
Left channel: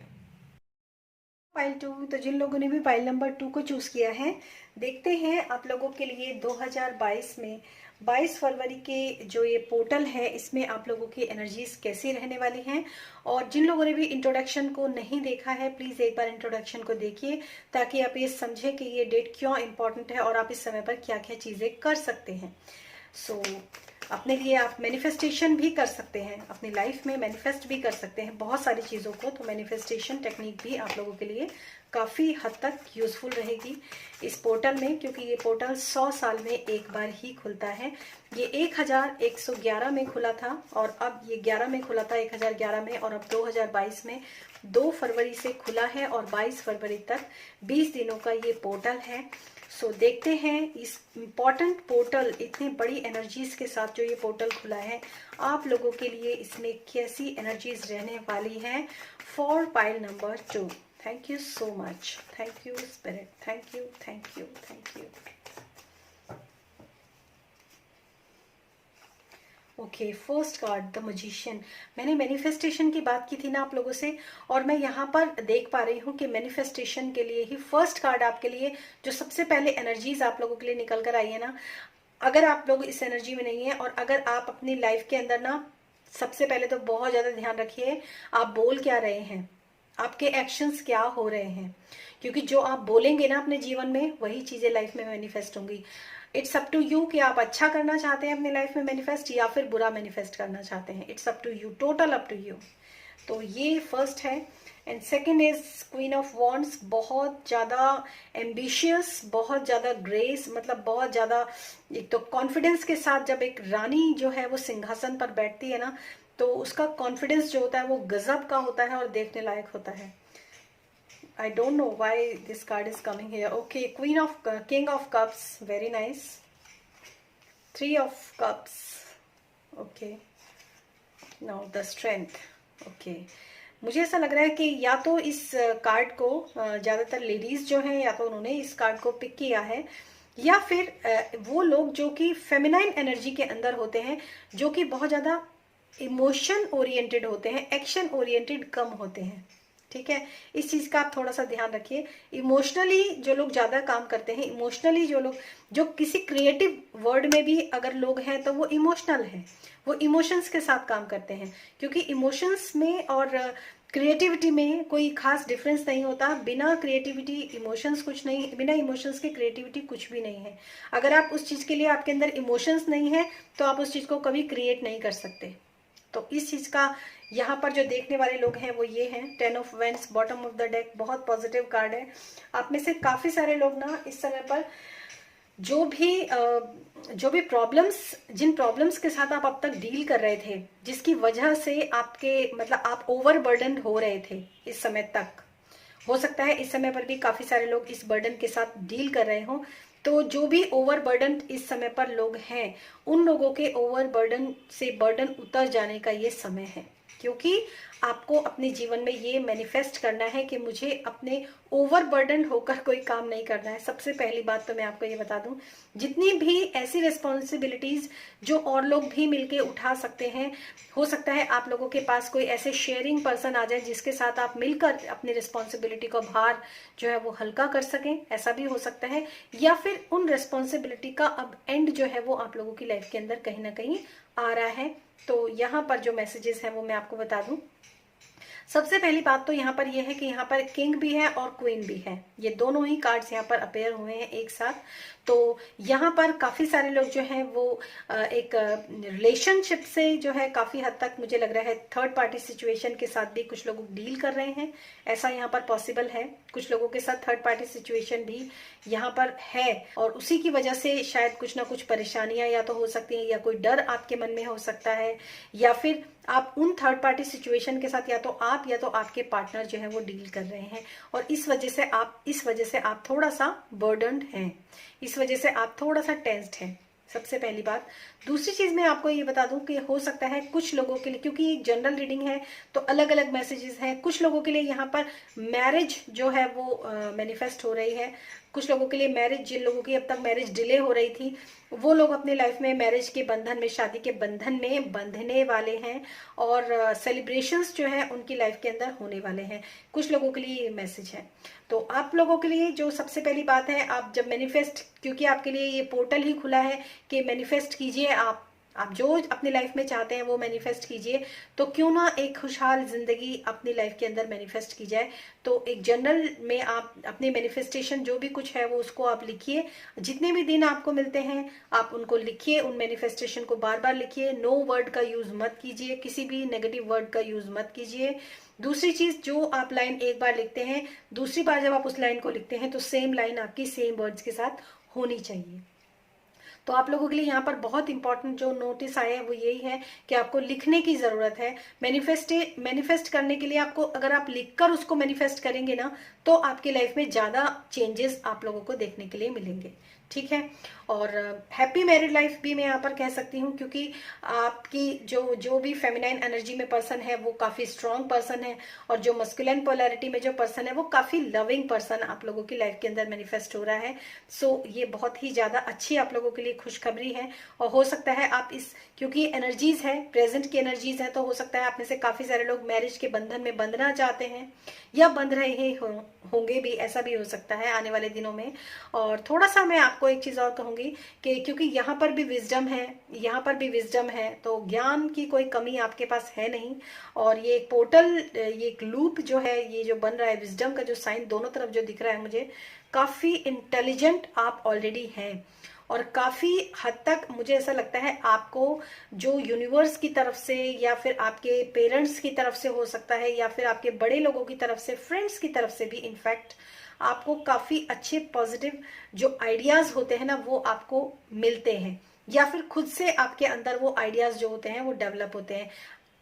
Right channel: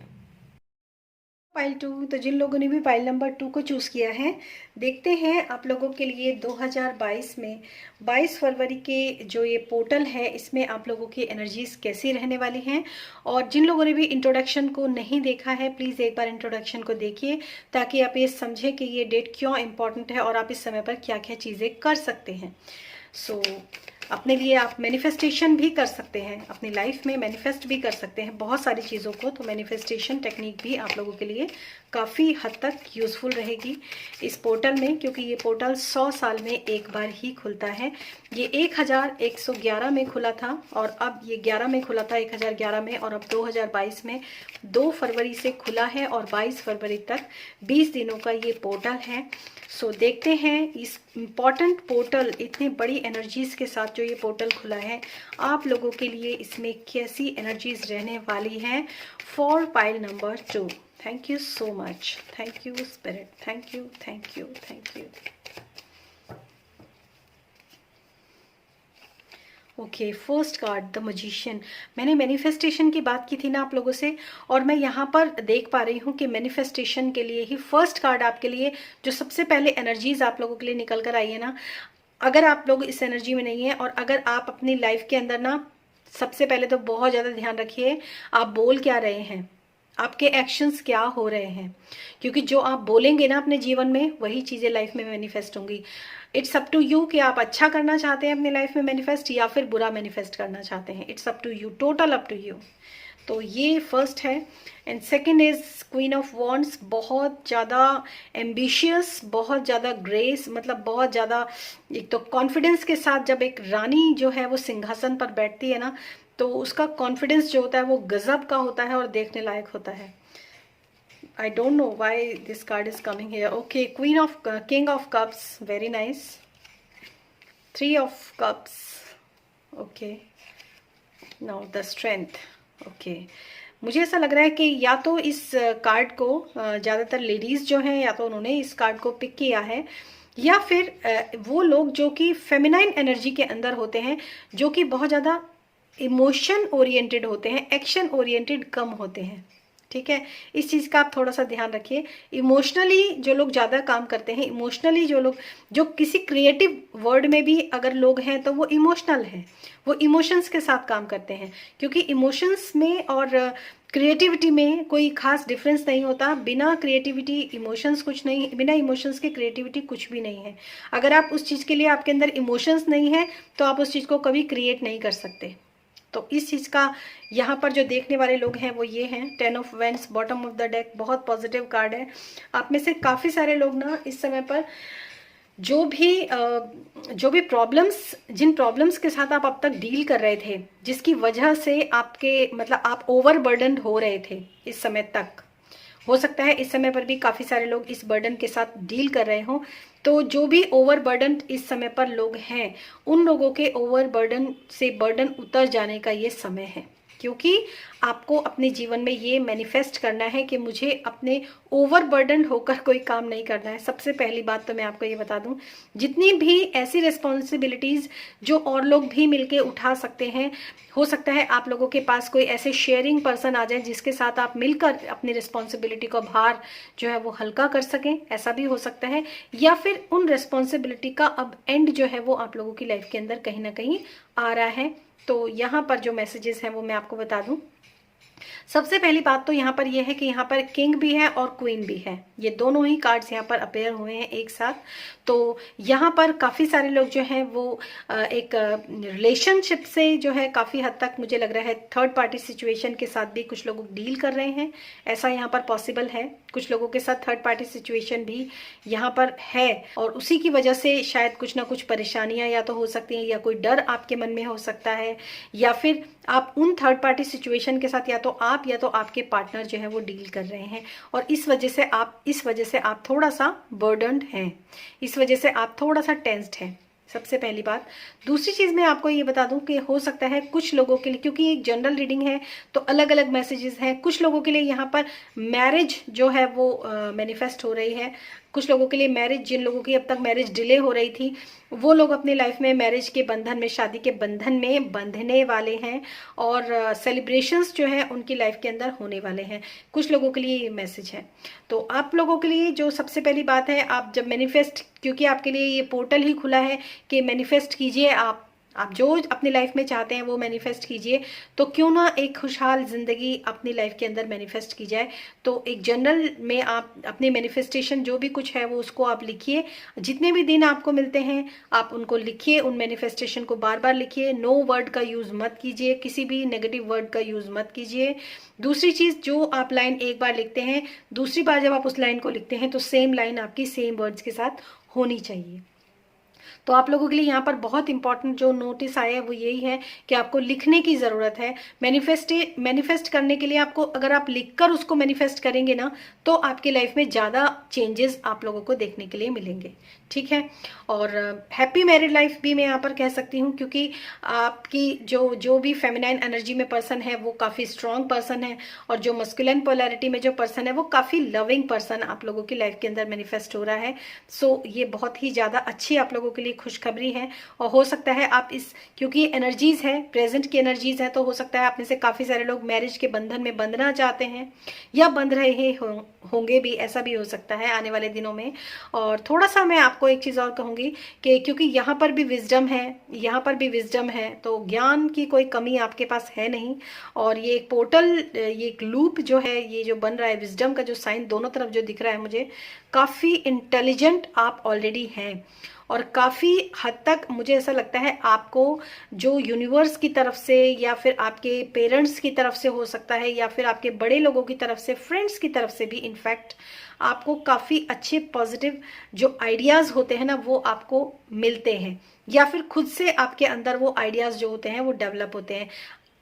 पाइल 2, तो जिन लोगों ने भी पाइल नंबर 2 को चूज किया है, देखते हैं आप लोगों के लिए 2022 में 22 फरवरी के जो ये पोर्टल है, इसमें आप लोगों की एनर्जीज कैसी रहने वाली हैं। और जिन लोगों ने भी इंट्रोडक्शन को नहीं देखा है, प्लीज एक बार इंट्रोडक्शन को देखिए, ताकि आप ये समझें कि ये डेट क्यों इंपॉर्टेंट है और आप इस समय पर क्या क्या चीजें कर सकते हैं। सो अपने लिए आप मैनिफेस्टेशन भी कर सकते हैं, अपनी लाइफ में मैनिफेस्ट भी कर सकते हैं बहुत सारी चीज़ों को। तो मैनिफेस्टेशन टेक्निक भी आप लोगों के लिए काफ़ी हद तक यूजफुल रहेगी इस पोर्टल में, क्योंकि ये पोर्टल 100 साल में एक बार ही खुलता है। ये 1111 में खुला था, और अब ये 11 में खुला था, 1011 में, और अब 2022 में 2 फरवरी से खुला है और 22 फरवरी तक 20 दिनों का ये पोर्टल है। सो देखते हैं इस इम्पॉर्टेंट पोर्टल, इतनी बड़ी एनर्जीज के साथ जो ये पोर्टल खुला है, आप लोगों के लिए इसमें कैसी एनर्जीज रहने वाली है for pile number 2। Thank you so much, thank you spirit, thank you, thank you, thank you. Okay, first card the magician. मैंने मैनिफेस्टेशन की बात की थी ना आप लोगों से, और मैं यहाँ पर देख पा रही हूँ कि मैनिफेस्टेशन के लिए ही फर्स्ट कार्ड आपके लिए जो सबसे पहले एनर्जीज आप लोगों के लिए निकल कर आई है ना, अगर आप लोग इस एनर्जी में नहीं है, और अगर आप अपनी लाइफ के अंदर ना, सबसे पहले तो बहुत ज्यादा ध्यान रखिए आप बोल क्या रहे हैं, आपके एक्शंस क्या हो रहे हैं। क्योंकि जो आप बोलेंगे ना अपने जीवन में, वही चीजें लाइफ में मैनिफेस्ट होंगी। इट्स अप टू यू कि आप अच्छा करना चाहते हैं अपनी लाइफ में मैनिफेस्ट, या फिर बुरा मैनिफेस्ट करना चाहते हैं। It's up to you, total up to you. तो ये फर्स्ट है। And second is queen of wands. बहुत ज्यादा एम्बिशियस, बहुत ज्यादा ग्रेस, मतलब बहुत ज्यादा, एक तो कॉन्फिडेंस के साथ जब एक रानी जो है वो सिंहासन पर बैठती है ना, तो उसका कॉन्फिडेंस जो होता है वो गजब का होता है और देखने लायक होता है। I don't know why this card is coming here. Okay, King of Cups, very nice. 3 of Cups. Okay. Now the Strength. Okay. मुझे ऐसा लग रहा है कि या तो इस कार्ड को ज्यादातर लेडीज जो हैं, या तो उन्होंने इस कार्ड को पिक किया है, या फिर वो लोग जो कि फेमिनाइन एनर्जी के अंदर होते हैं, जो कि बहुत ज्यादा इमोशन ओरिएंटेड होते हैं, एक्शन ओरिएंटेड कम होते हैं। ठीक है, इस चीज का आप थोड़ा सा ध्यान रखिए। इमोशनली जो लोग ज्यादा काम करते हैं, इमोशनली जो लोग, जो किसी क्रिएटिव वर्ड में भी अगर लोग हैं तो वो इमोशनल है, वो इमोशंस के साथ काम करते हैं, क्योंकि इमोशंस में और क्रिएटिविटी में कोई खास डिफरेंस नहीं होता। बिना क्रिएटिविटी इमोशंस कुछ नहीं, बिना इमोशंस के क्रिएटिविटी कुछ भी नहीं है। अगर आप उस चीज के लिए आपके अंदर इमोशंस नहीं है तो आप उस चीज को कभी क्रिएट नहीं कर सकते। तो इस चीज का यहाँ पर जो देखने वाले लोग हैं वो ये हैं, 10 of wands, bottom of the deck, बहुत पॉजिटिव कार्ड है। आप में से काफी सारे लोग ना इस समय पर जो भी प्रॉब्लम्स, जिन प्रॉब्लम्स के साथ आप अब तक डील कर रहे थे, जिसकी वजह से आपके मतलब आप ओवरबर्डन हो रहे थे इस समय तक, हो सकता है इस समय पर भी काफी सारे लोग इस बर्डन के साथ डील कर रहे हो। तो जो भी ओवरबर्डन इस समय पर लोग हैं, उन लोगों के ओवरबर्डन से बर्डन उतर जाने का ये समय है, क्योंकि आपको अपने जीवन में ये मैनिफेस्ट करना है कि मुझे अपने ओवरबर्डन होकर कोई काम नहीं करना है। सबसे पहली बात तो मैं आपको ये बता दूं, जितनी भी ऐसी रिस्पॉन्सिबिलिटीज जो और लोग भी मिलके उठा सकते हैं, हो सकता है आप लोगों के पास कोई ऐसे शेयरिंग पर्सन आ जाए जिसके साथ आप मिलकर अपनी रिस्पॉन्सिबिलिटी को भार जो है वो हल्का कर सकें, ऐसा भी हो सकता है। या फिर उन रिस्पॉन्सिबिलिटी का अब एंड जो है वो आप लोगों की लाइफ के अंदर कहीं ना कहीं आ रहा है। तो यहाँ पर जो मैसेजेस हैं वो मैं आपको बता दूं। सबसे पहली बात तो यहाँ पर यह है कि यहाँ पर किंग भी है और क्वीन भी है, ये दोनों ही कार्ड्स यहाँ पर अपेयर हुए हैं एक साथ। तो यहाँ पर काफी सारे लोग जो हैं वो एक रिलेशनशिप से जो है काफी हद तक मुझे लग रहा है थर्ड पार्टी सिचुएशन के साथ भी कुछ लोग डील कर रहे हैं, ऐसा यहाँ पर पॉसिबल है। कुछ लोगों के साथ थर्ड पार्टी सिचुएशन भी यहाँ पर है और उसी की वजह से शायद कुछ ना कुछ परेशानियां या तो हो सकती हैं, या कोई डर आपके मन में हो सकता है, या फिर आप उन थर्ड पार्टी सिचुएशन के साथ या तो आपके पार्टनर जो है वो डील कर रहे हैं और इस वजह से आप थोड़ा सा बर्डन्ड हैं, इस वजह से आप थोड़ा सा टेंस्ड हैं, सबसे पहली बात। दूसरी चीज मैं आपको ये बता दूं कि हो सकता है कुछ लोगों के लिए, क्योंकि एक जनरल रीडिंग है तो अलग अलग मैसेजेस हैं, कुछ लोगों के लिए यहाँ पर मैरिज जो है वो मैनिफेस्ट हो रही है। कुछ लोगों के लिए मैरिज, जिन लोगों की अब तक मैरिज डिले हो रही थी, वो लोग अपनी लाइफ में मैरिज के बंधन में, शादी के बंधन में बंधने वाले हैं और सेलिब्रेशंस जो है उनकी लाइफ के अंदर होने वाले हैं। कुछ लोगों के लिए ये मैसेज है। तो आप लोगों के लिए जो सबसे पहली बात है, आप जब मैनिफेस्ट, क्योंकि आपके लिए ये पोर्टल ही खुला है कि मैनिफेस्ट कीजिए, आप जो अपनी लाइफ में चाहते हैं वो मैनिफेस्ट कीजिए। तो क्यों ना एक खुशहाल जिंदगी अपनी लाइफ के अंदर मैनिफेस्ट की जाए। तो एक जनरल में आप अपनी मैनिफेस्टेशन जो भी कुछ है वो उसको आप लिखिए, जितने भी दिन आपको मिलते हैं आप उनको लिखिए, उन मैनिफेस्टेशन को बार बार लिखिए। नो वर्ड का यूज मत कीजिए, किसी भी नेगेटिव वर्ड का यूज मत कीजिए। दूसरी चीज, जो आप लाइन एक बार लिखते हैं, दूसरी बार जब आप उस लाइन को लिखते हैं तो सेम लाइन आपकी सेम वर्ड्स के साथ होनी चाहिए। तो आप लोगों के लिए यहाँ पर बहुत इंपॉर्टेंट जो नोटिस आया है वो यही है कि आपको लिखने की जरूरत है। मैनिफेस्ट करने के लिए आपको, अगर आप लिखकर उसको मैनिफेस्ट करेंगे ना, तो आपकी लाइफ में ज्यादा चेंजेस आप लोगों को देखने के लिए मिलेंगे, ठीक है। और हैप्पी मैरिड लाइफ भी मैं यहाँ पर कह सकती हूँ, क्योंकि आपकी जो भी फेमिनाइन एनर्जी में पर्सन है वो काफी स्ट्रांग पर्सन है, और जो मस्कुलिन पोलैरिटी में जो पर्सन है वो काफी लविंग पर्सन आप लोगों की लाइफ के अंदर मैनिफेस्ट हो रहा है। सो ये बहुत ही ज्यादा अच्छी आप लोगों के लिए खुशखबरी है। और हो सकता है आप क्योंकि एनर्जीज है, प्रेजेंट की एनर्जीज है, तो हो सकता है आप में से काफी सारे लोग मैरिज के बंधन में बंधना चाहते हैं या बंध रहे होंगे भी, ऐसा भी हो सकता है आने वाले दिनों में। और थोड़ा सा मैं आपको एक चीज और कहूंगी कि क्योंकि यहाँ पर भी विजडम है, तो ज्ञान की कोई कमी आपके पास है नहीं। और ये एक पोर्टल, ये एक लूप जो है, ये जो बन रहा है, विजडम का जो साइन दोनों तरफ जो दिख रहा है मुझे, काफी इंटेलिजेंट आप ऑलरेडी हैं। और काफी हद तक मुझे ऐसा लगता है आपको जो यूनिवर्स की तरफ से, या फिर आपके पेरेंट्स की तरफ से हो सकता है, या फिर आपके बड़े लोगों की तरफ से, फ्रेंड्स की तरफ से भी इनफैक्ट आपको काफी अच्छे पॉजिटिव जो आइडियाज होते हैं ना वो आपको मिलते हैं, या फिर खुद से आपके अंदर वो आइडियाज जो होते हैं वो डेवलप होते हैं।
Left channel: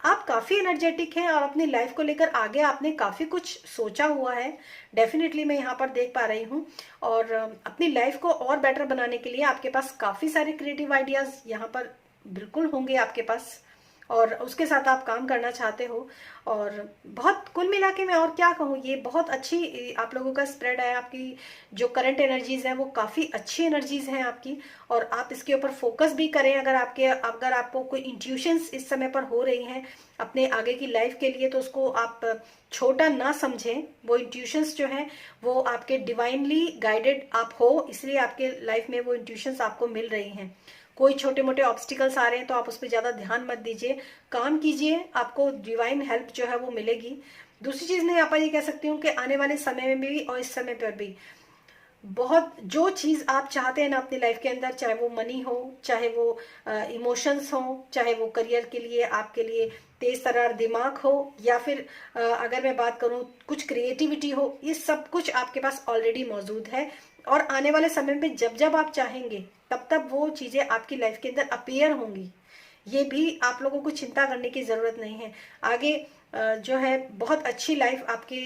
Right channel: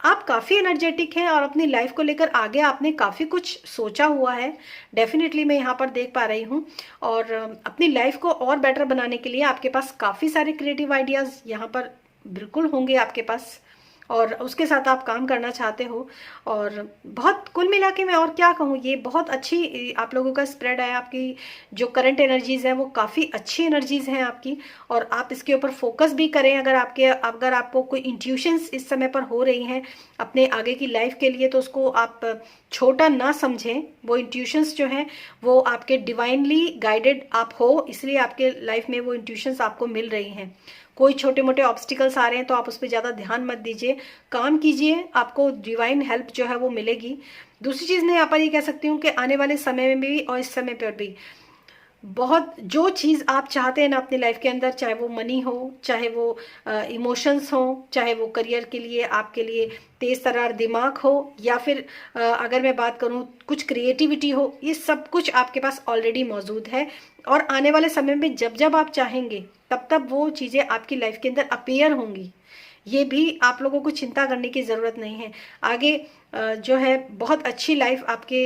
आप काफी एनर्जेटिक हैं और अपनी लाइफ को लेकर आगे आपने काफी कुछ सोचा हुआ है, डेफिनेटली मैं यहाँ पर देख पा रही हूँ। और अपनी लाइफ को और बेटर बनाने के लिए आपके पास काफी सारे क्रिएटिव आइडियाज यहाँ पर बिल्कुल होंगे आपके पास। और उसके साथ आप काम करना चाहते हो। और बहुत कुल मिला के मैं और क्या कहूँ, ये बहुत अच्छी आप लोगों का स्प्रेड है। आपकी जो करंट एनर्जीज है वो काफ़ी अच्छी एनर्जीज हैं आपकी, और आप इसके ऊपर फोकस भी करें। अगर आपको कोई इंट्यूशंस इस समय पर हो रही हैं अपने आगे की लाइफ के लिए, तो उसको आप छोटा ना समझें। वो इंट्यूशंस जो हैं वो आपके डिवाइनली गाइडेड आप हो, इसलिए आपके लाइफ में वो इंट्यूशंस आपको मिल रही हैं। कोई छोटे मोटे ऑब्स्टिकल्स आ रहे हैं तो आप उस पर ज़्यादा ध्यान मत दीजिए, काम कीजिए, आपको डिवाइन हेल्प जो है वो मिलेगी। दूसरी चीज़ मैं यहाँ पर ये कह सकती हूँ कि आने वाले समय में भी और इस समय पर भी बहुत जो चीज़ आप चाहते हैं ना अपनी लाइफ के अंदर, चाहे वो मनी हो, चाहे वो इमोशंस हो, चाहे वो करियर के लिए आपके लिए तेज तर्रार दिमाग हो, या फिर अगर मैं बात करूं कुछ क्रिएटिविटी हो, ये सब कुछ आपके पास ऑलरेडी मौजूद है। और आने वाले समय में जब जब आप चाहेंगे तब तब वो चीज़ें आपकी लाइफ के अंदर अपीयर होंगी। ये भी आप लोगों को चिंता करने की ज़रूरत नहीं है। आगे जो है बहुत अच्छी लाइफ आपके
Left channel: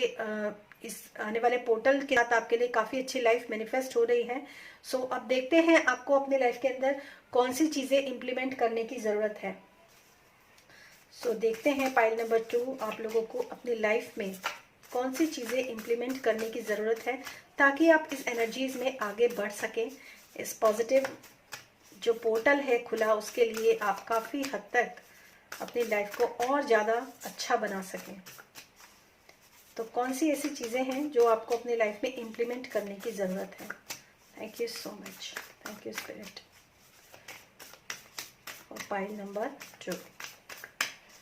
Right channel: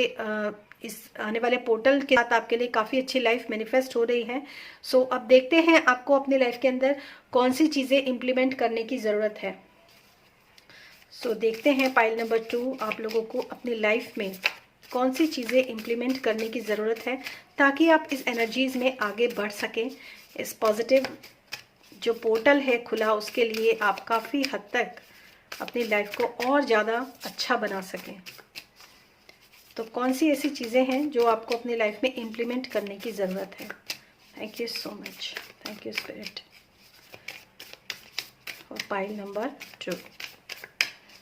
इस आने वाले पोर्टल के साथ आपके लिए काफ़ी अच्छी लाइफ मैनिफेस्ट हो रही है। सो अब देखते हैं आपको अपने लाइफ के अंदर कौन सी चीज़ें इम्प्लीमेंट करने की ज़रूरत है। सो देखते हैं पाइल नंबर 2 आप लोगों को अपनी लाइफ में कौन सी चीज़ें इम्प्लीमेंट करने की ज़रूरत है, ताकि आप इस एनर्जीज में आगे बढ़ सकें। इस पॉजिटिव जो पोर्टल है खुला, उसके लिए आप काफ़ी हद तक अपनी लाइफ को और ज़्यादा अच्छा बना सकें। तो कौन सी ऐसी चीज़ें हैं जो आपको अपनी लाइफ में इम्प्लीमेंट करने की ज़रूरत है। Thank you so much, thank you spirit for pile number 2।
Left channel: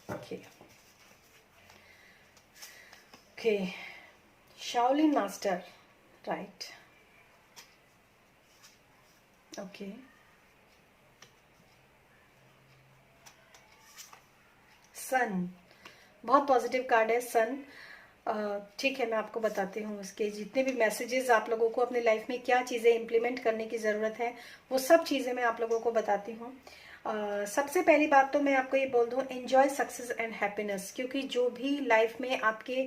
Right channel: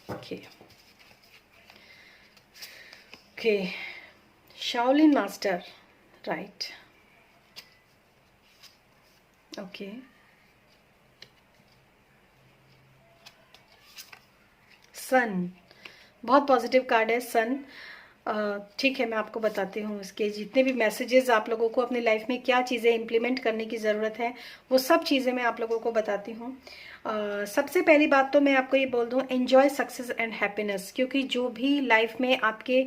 Okay okay, Shaolin master, right, okay. Sun, बहुत पॉजिटिव कार्ड है सन। ठीक है, मैं आपको बताती हूँ इसके जितने भी मैसेजेस आप लोगों को अपनी लाइफ में क्या चीज़ें इम्प्लीमेंट करने की ज़रूरत है, वो सब चीज़ें मैं आप लोगों को बताती हूँ। सबसे पहली बात तो मैं आपको ये बोल दूँ, एंजॉय सक्सेस एंड हैप्पीनेस, क्योंकि जो भी लाइफ में आपके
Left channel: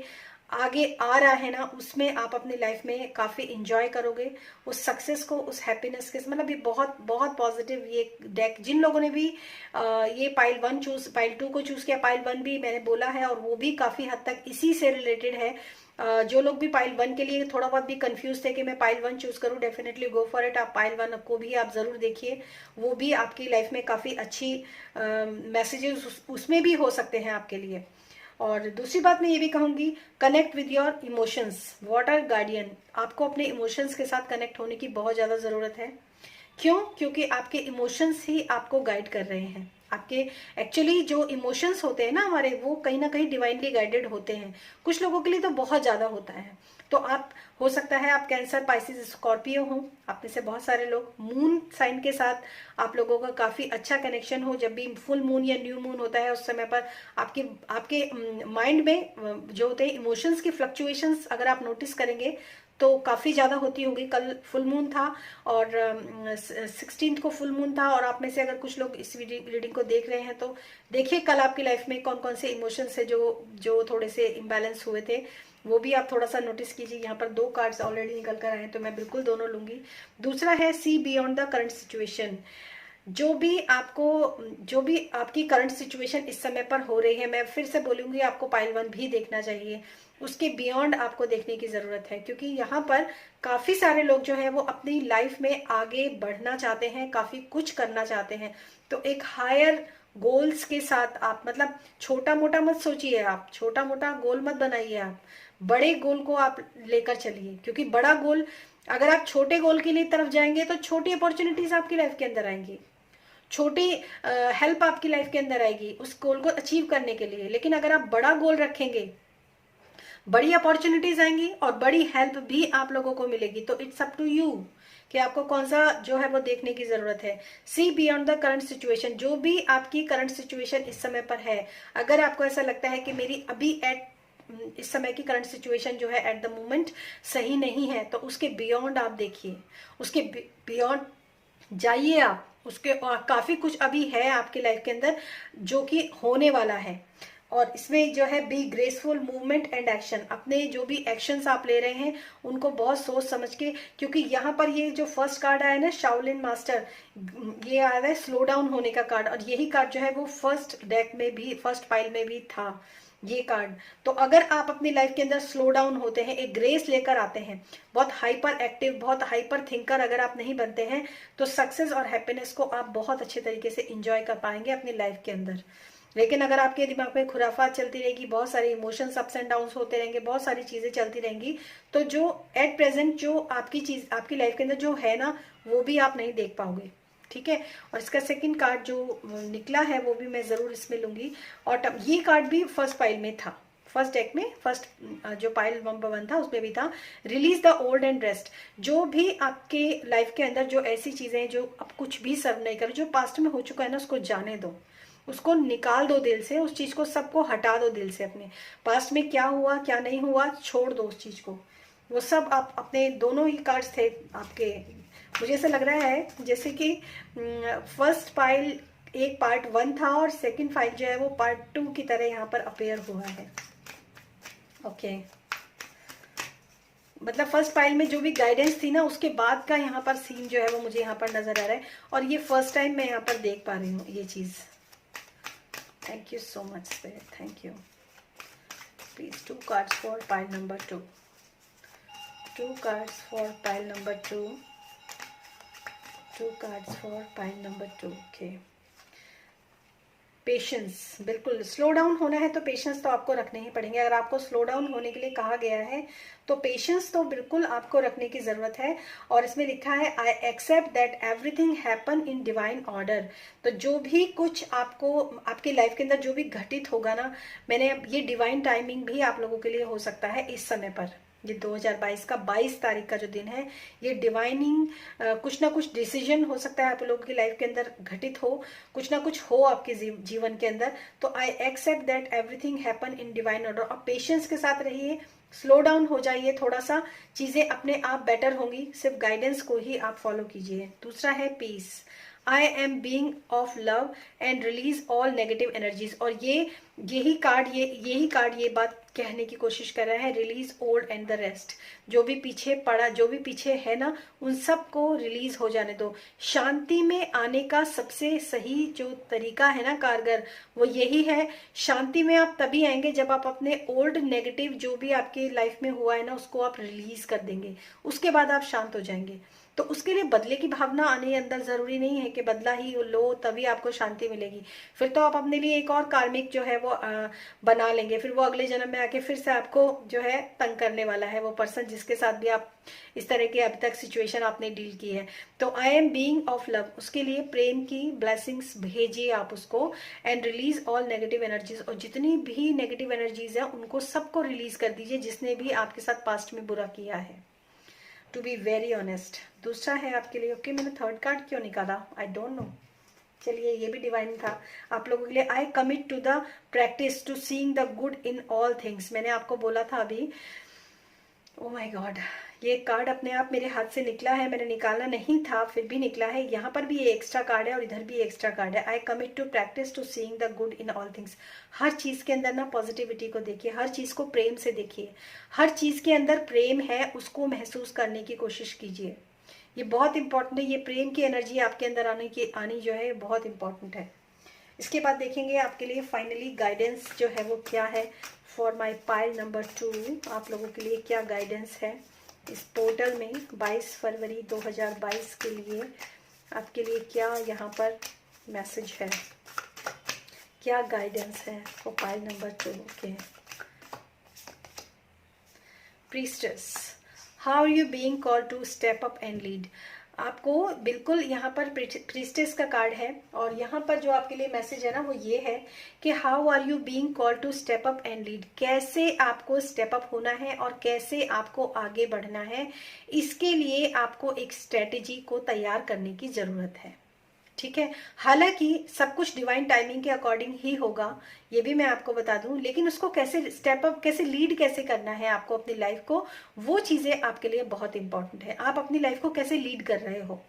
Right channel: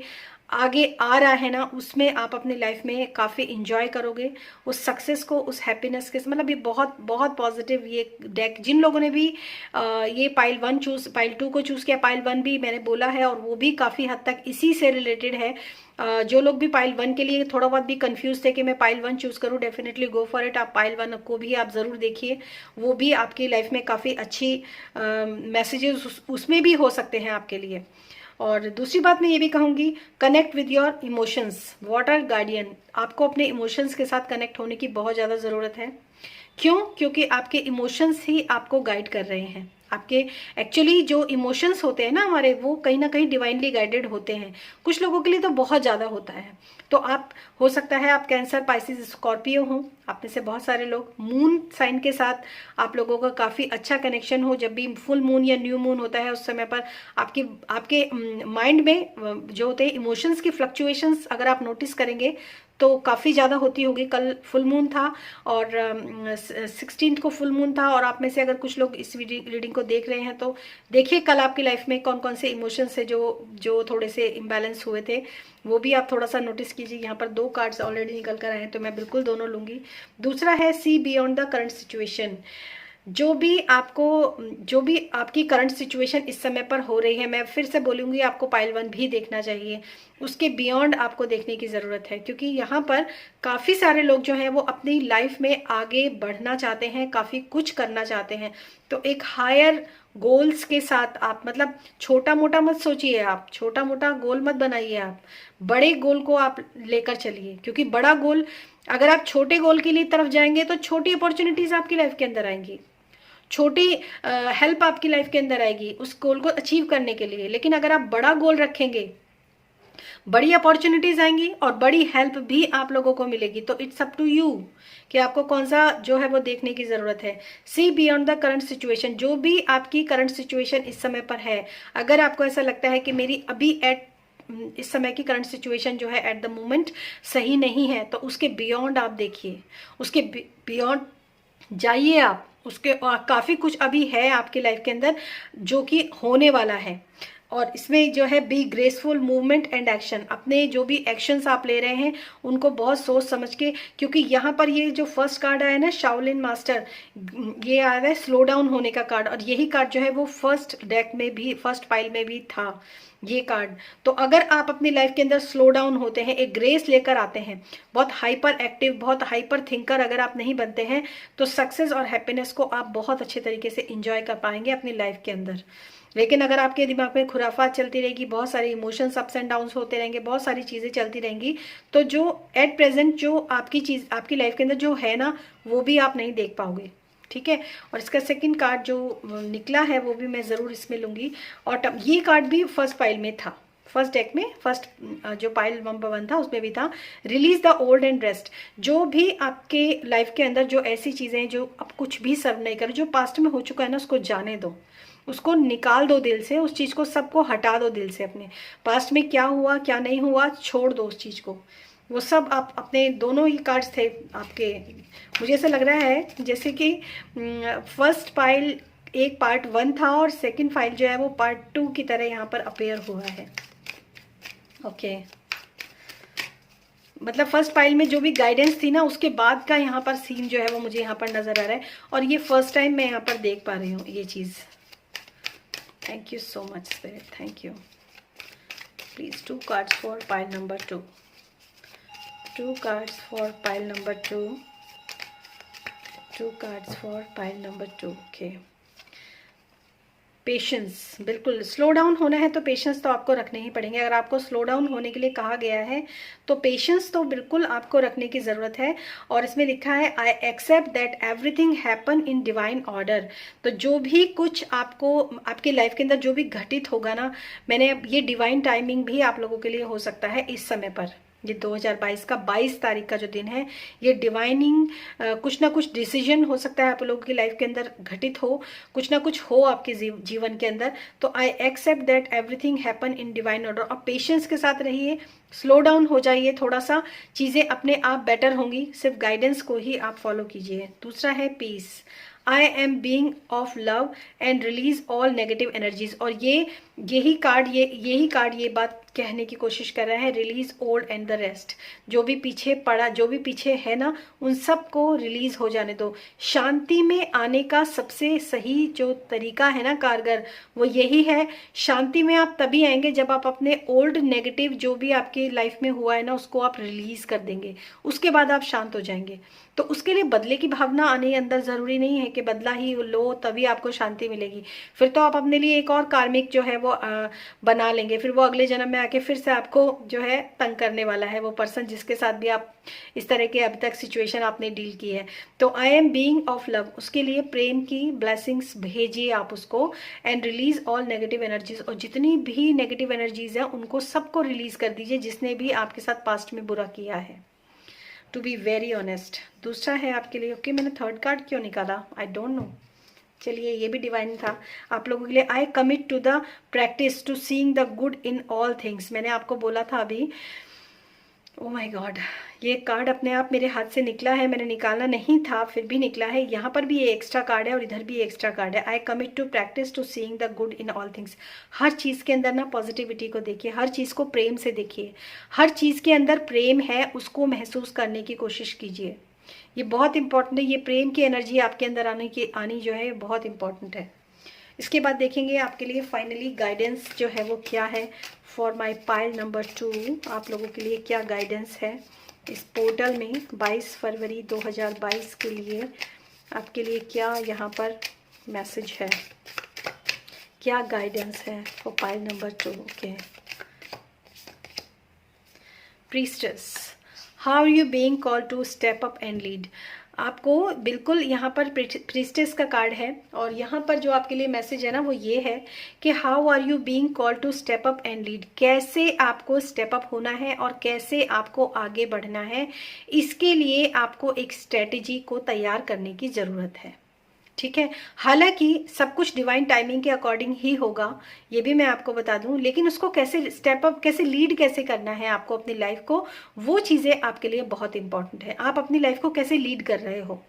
आगे आ रहा है ना, उसमें आप अपनी लाइफ में काफ़ी इंजॉय करोगे उस सक्सेस को, उस हैप्पीनेस के। मतलब ये बहुत बहुत पॉजिटिव ये डेक। जिन लोगों ने भी ये पाइल 1 चूज, पाइल 2 को चूज किया, पाइल 1 भी मैंने बोला है और वो भी काफ़ी हद तक इसी से रिलेटेड है। जो लोग भी पाइल 1 के लिए थोड़ा बहुत भी कंफ्यूज थे कि मैं पाइल 1 चूज करूं, डेफिनेटली गो फॉर इट। आप पाइल 1 को भी आप जरूर देखिए, वो भी आपकी लाइफ में काफ़ी अच्छी मैसेजेस उसमें भी हो सकते हैं आपके लिए। और दूसरी बात मैं ये भी कहूंगी, connect with your emotions, water guardian. आपको अपने इमोशंस के साथ कनेक्ट होने की बहुत ज़्यादा ज़रूरत है। क्यों? क्योंकि आपके इमोशंस ही आपको गाइड कर रहे हैं। आपके एक्चुअली जो इमोशंस होते हैं ना हमारे, वो कहीं ना कहीं डिवाइनली गाइडेड होते हैं। कुछ लोगों के लिए तो बहुत ज़्यादा होता है। तो आप, हो सकता है आप कैंसर, पाइसिस, स्कॉर्पियो हो, आप में से बहुत सारे लोग मून साइन के साथ आप लोगों का काफ़ी अच्छा कनेक्शन हो। जब भी फुल मून या न्यू मून होता है उस समय पर आपके माइंड में जो होते हैं इमोशंस की फ्लक्चुएशंस, अगर आप नोटिस करेंगे तो काफ़ी ज़्यादा होती होगी। कल फुल मून था और 16 को फुल मून था, और आप में से अगर कुछ लोग इस रीडिंग को देख रहे हैं तो देखिए कल आपकी लाइफ में कौन कौन से इमोशंस है जो थोड़े से इम्बैलेंस हुए थे, वो भी आप थोड़ा सा नोटिस कीजिए। यहाँ पर 2 कार्ड्स ऑलरेडी निकल कर आए हैं तो मैं बिल्कुल दोनों लूंगी। दूसरा है see beyond the current situation. जो भी आपकी करंट सिचुएशन इस समय पर हो रही है, मैं फिर से बोलूंगी आपको पाइल 1 भी देखना चाहिए, उसके बियॉन्ड आपको देखने की ज़रूरत है। क्योंकि यहाँ पर काफ़ी सारे लोग जो हैं वो अपनी लाइफ में आगे बढ़ना चाहते हैं, काफ़ी कुछ करना चाहते हैं। तो एक हायर गोल्स के साथ आप, मतलब छोटा मोटा मत सोचिए, आप छोटा मोटा गोल मत बनाइए, आप बड़े गोल को आप लेकर चलिए। क्योंकि बड़ा गोल, अगर आप छोटे गोल के लिए तरफ जाएंगे तो छोटी अपॉर्चुनिटीज आपकी लाइफ के अंदर आएंगी, छोटी हेल्प आपकी लाइफ के अंदर आएगी उस गोल को अचीव करने के लिए। लेकिन अगर आप बड़ा गोल रखेंगे, बड़ी अपॉर्चुनिटीज आएंगी और बड़ी हेल्प भी आप लोगों को मिलेगी। तो इट्स अप टू यू कि आपको कौन सा जो है वो देखने की जरूरत है। See beyond the current situation, जो भी आपकी करंट सिचुएशन इस समय पर है, अगर आपको ऐसा लगता है कि मेरी अभी इस समय की करंट सिचुएशन जो है एट द मोमेंट सही नहीं है, तो उसके बियॉन्ड आप देखिए, उसके बियॉन्ड जाइए आप। उसके काफी कुछ अभी है आपकी लाइफ के अंदर जो कि होने वाला है। और इसमें जो है be graceful movement and action, अपने जो भी एक्शंस आप ले रहे हैं उनको बहुत सोच समझ के, क्योंकि यहाँ पर ये जो फर्स्ट कार्ड आया ना शाओलिन मास्टर, ये आया है स्लो डाउन होने का कार्ड, और यही कार्ड जो है वो फर्स्ट डेक में भी, फर्स्ट पाइल में भी था ये कार्ड। तो अगर आप अपनी लाइफ के अंदर स्लो डाउन होते हैं, एक ग्रेस लेकर आते हैं, बहुत हाइपर एक्टिव, बहुत हाइपर थिंकर अगर आप नहीं बनते हैं, तो सक्सेस और हैप्पीनेस को आप बहुत अच्छे तरीके से एंजॉय कर पाएंगे अपनी लाइफ के अंदर। लेकिन अगर आपके दिमाग में खुराफात चलती रहेगी, बहुत सारे इमोशंस अप्स एंड डाउन्स होते रहेंगे, बहुत सारी चीजें चलती रहेंगी, तो जो एट प्रेजेंट जो आपकी चीज आपकी लाइफ के अंदर जो है ना, वो भी आप नहीं देख पाओगे। ठीक है, और इसका सेकंड कार्ड जो निकला है वो भी मैं जरूर इसमें लूंगी। और ये कार्ड भी फर्स्ट पाइल में था, फर्स्ट डेक में, फर्स्ट जो पाइल नंबर 1 था उसमें भी था, release the old and rest. जो भी आपके लाइफ के अंदर जो ऐसी चीजें जो अब कुछ भी सर्व नहीं करे, जो पास्ट में हो चुका है ना, उसको जाने दो, उसको निकाल दो दिल से, उस चीज को सबको हटा दो दिल से। अपने पास्ट में क्या हुआ क्या नहीं हुआ छोड़ दो उस चीज को, वो सब आप अपने, दोनों ही कार्ड्स थे आपके, मुझे ऐसा लग रहा है जैसे कि फर्स्ट पाइल एक पार्ट 1 था और सेकंड फाइल जो है वो पार्ट 2 की तरह यहाँ पर अपेयर हुआ है। ओके, मतलब फर्स्ट पाइल में जो भी गाइडेंस थी ना, उसके बाद का यहाँ पर सीन जो है वो मुझे यहाँ पर नजर आ रहा है, और ये फर्स्ट टाइम मैं यहाँ पर देख पा रही हूँ ये चीज। Thank you so much spirit, thank you. Please 2 cards for pile number 2, 2 cards for pile number 2, 2 cards for pile number 2। Okay, patience, बिल्कुल स्लो डाउन होना है तो पेशेंस तो आपको रखने ही पड़ेंगे। अगर आपको स्लो डाउन होने के लिए कहा गया है तो पेशेंस तो बिल्कुल आपको रखने की जरूरत है। और इसमें लिखा है I accept that everything happen in divine order. तो जो भी कुछ आपको आपकी लाइफ के अंदर जो भी घटित होगा ना, मैंने ये डिवाइन टाइमिंग भी आप लोगों के लिए हो सकता है इस समय पर, ये 2022 का 22 तारीख का जो दिन है, ये डिवाइनिंग कुछ ना कुछ डिसीजन हो सकता है आप लोगों की लाइफ के अंदर घटित हो, कुछ ना कुछ हो आपके जीवन के अंदर। तो I accept that everything happen in divine order. और पेशेंस के साथ रहिए, स्लो डाउन हो जाइए थोड़ा सा, चीजें अपने आप बेटर होंगी, सिर्फ गाइडेंस को ही आप फॉलो कीजिए। दूसरा है peace, I am being of love and release all negative energies. और यही कार्ड ये बात कहने की कोशिश कर रहा है, release old and the rest. जो भी पीछे पड़ा, जो भी पीछे है ना, उन सब को रिलीज हो जाने दो। शांति में आने का सबसे सही जो तरीका है ना, कारगर, वो यही है। शांति में आप तभी आएंगे जब आप अपने ओल्ड नेगेटिव जो भी आपकी लाइफ में हुआ है ना, उसको आप रिलीज कर देंगे, उसके बाद आप शांत हो जाएंगे। तो उसके लिए बदले की भावना आने अंदर जरूरी नहीं है कि बदला ही लो तभी आपको शांति मिलेगी। फिर तो आप अपने लिए एक और कार्मिक जो है वो बना लेंगे, फिर वो अगले जन्म में आके फिर से आपको जो है तंग करने वाला है वो पर्सन जिसके साथ भी आप इस तरह के अभी तक सिचुएशन आपने डील की है। तो आई एम बीइंग ऑफ लव, उसके लिए प्रेम की ब्लेसिंग्स भेजिए आप उसको, and release all negative energies. और जितनी भी नेगेटिव एनर्जीज है उनको सबको रिलीज कर दीजिए, जिसने भी आपके साथ पास्ट में बुरा किया है, टू बी वेरी ऑनेस्ट। दूसरा है आपके लिए, ओके मैंने थर्ड कार्ड क्यों निकाला, आई डोंट नो, चलिए ये भी डिवाइन था आप लोगों के लिए। I commit to the practice to seeing the good in all things. मैंने आपको बोला था अभी, ओ माय गॉड, ये कार्ड अपने आप मेरे हाथ से निकला है, मैंने निकालना नहीं था फिर भी निकला है। यहाँ पर भी ये एक्स्ट्रा कार्ड है और इधर भी एक्स्ट्रा कार्ड है। I commit to practice to seeing the good in all things. हर चीज के अंदर ना पॉजिटिविटी को देखिए, हर चीज को प्रेम से देखिए, हर चीज के अंदर प्रेम है उसको महसूस करने की कोशिश कीजिए। ये बहुत इंपॉर्टेंट है, ये प्रेम की एनर्जी आपके अंदर आनी जो है बहुत इंपॉर्टेंट है। इसके बाद देखेंगे आपके लिए फाइनली गाइडेंस जो है वो क्या है फॉर माय पाइल नंबर 2। आप लोगों के लिए क्या गाइडेंस है इस पोर्टल में 22 फरवरी 2022 के लिए, आपके लिए क्या यहाँ पर मैसेज है, क्या गाइडेंस है for pile number 2। Okay, priestess, how are you being called to step up and lead. आपको बिल्कुल यहाँ पर प्रीस्टेस का कार्ड है और यहाँ पर जो आपके लिए मैसेज है ना वो ये है कि how are you being called to step up and lead. कैसे आपको स्टेप अप होना है और कैसे आपको आगे बढ़ना है, इसके लिए आपको एक स्ट्रेटेजी को तैयार करने की जरूरत है। ठीक है, हालांकि सब कुछ डिवाइन टाइमिंग के अकॉर्डिंग ही होगा, ये भी मैं आपको बता दूं, लेकिन उसको कैसे स्टेप अप, कैसे लीड कैसे करना है आपको अपनी लाइफ को, वो चीजें आपके लिए बहुत इंपॉर्टेंट है। आप अपनी लाइफ को कैसे लीड कर रहे हो,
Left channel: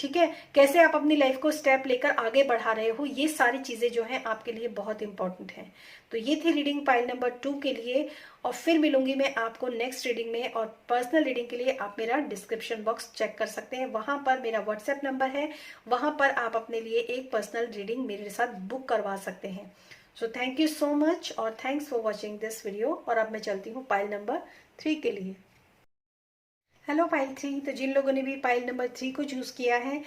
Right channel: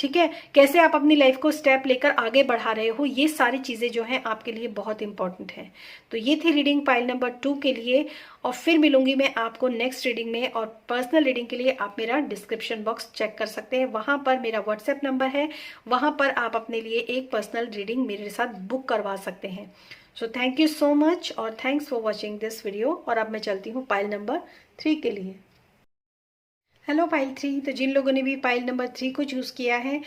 ठीक है, कैसे आप अपनी लाइफ को स्टेप लेकर आगे बढ़ा रहे हो, ये सारी चीजें जो हैं आपके लिए बहुत इंपॉर्टेंट है। तो ये थी रीडिंग पाइल नंबर 2 के लिए, और फिर मिलूंगी मैं आपको नेक्स्ट रीडिंग में। और पर्सनल रीडिंग के लिए आप मेरा डिस्क्रिप्शन बॉक्स चेक कर सकते हैं, वहां पर मेरा व्हाट्सएप नंबर है, वहां पर आप अपने लिए एक पर्सनल रीडिंग मेरे साथ बुक करवा सकते हैं। So thank you so much और thanks for watching this video. और अब मैं चलती हूँ पाइल नंबर 3 के लिए। हेलो पाइल 3, तो जिन लोगों ने भी पाइल नंबर 3 को चूज किया है,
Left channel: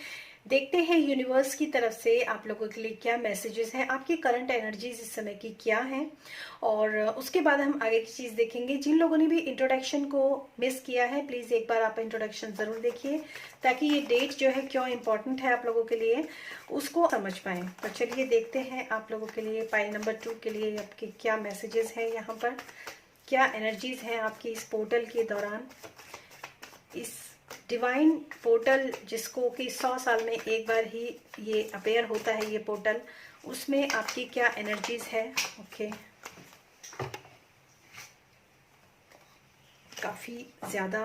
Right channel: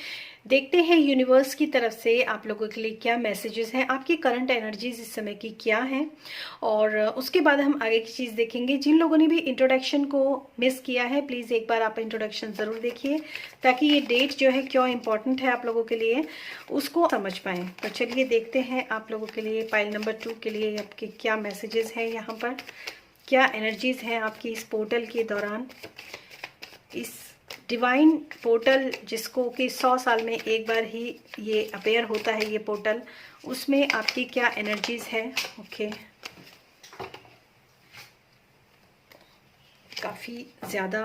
देखते हैं यूनिवर्स की तरफ से आप लोगों के लिए क्या मैसेजेस हैं, आपकी करंट एनर्जीज इस समय की क्या हैं, और उसके बाद हम आगे की चीज देखेंगे। जिन लोगों ने भी इंट्रोडक्शन को मिस किया है, प्लीज एक बार आप इंट्रोडक्शन जरूर देखिए, ताकि ये डेट जो है क्यों इंपॉर्टेंट है आप लोगों के लिए उसको समझ पाए। तो चलिए देखते हैं आप लोगों के लिए पाइल नंबर 2 के लिए आपके क्या मैसेजेस हैं, यहाँ पर क्या एनर्जीज हैं आपकी इस पोर्टल के दौरान, इस डिवाइन पोर्टल जिसको कि 100 साल में एक बार ही ये अपेयर होता है, ये पोर्टल, उसमें आपकी क्या एनर्जीज है। ओके, काफ़ी ज़्यादा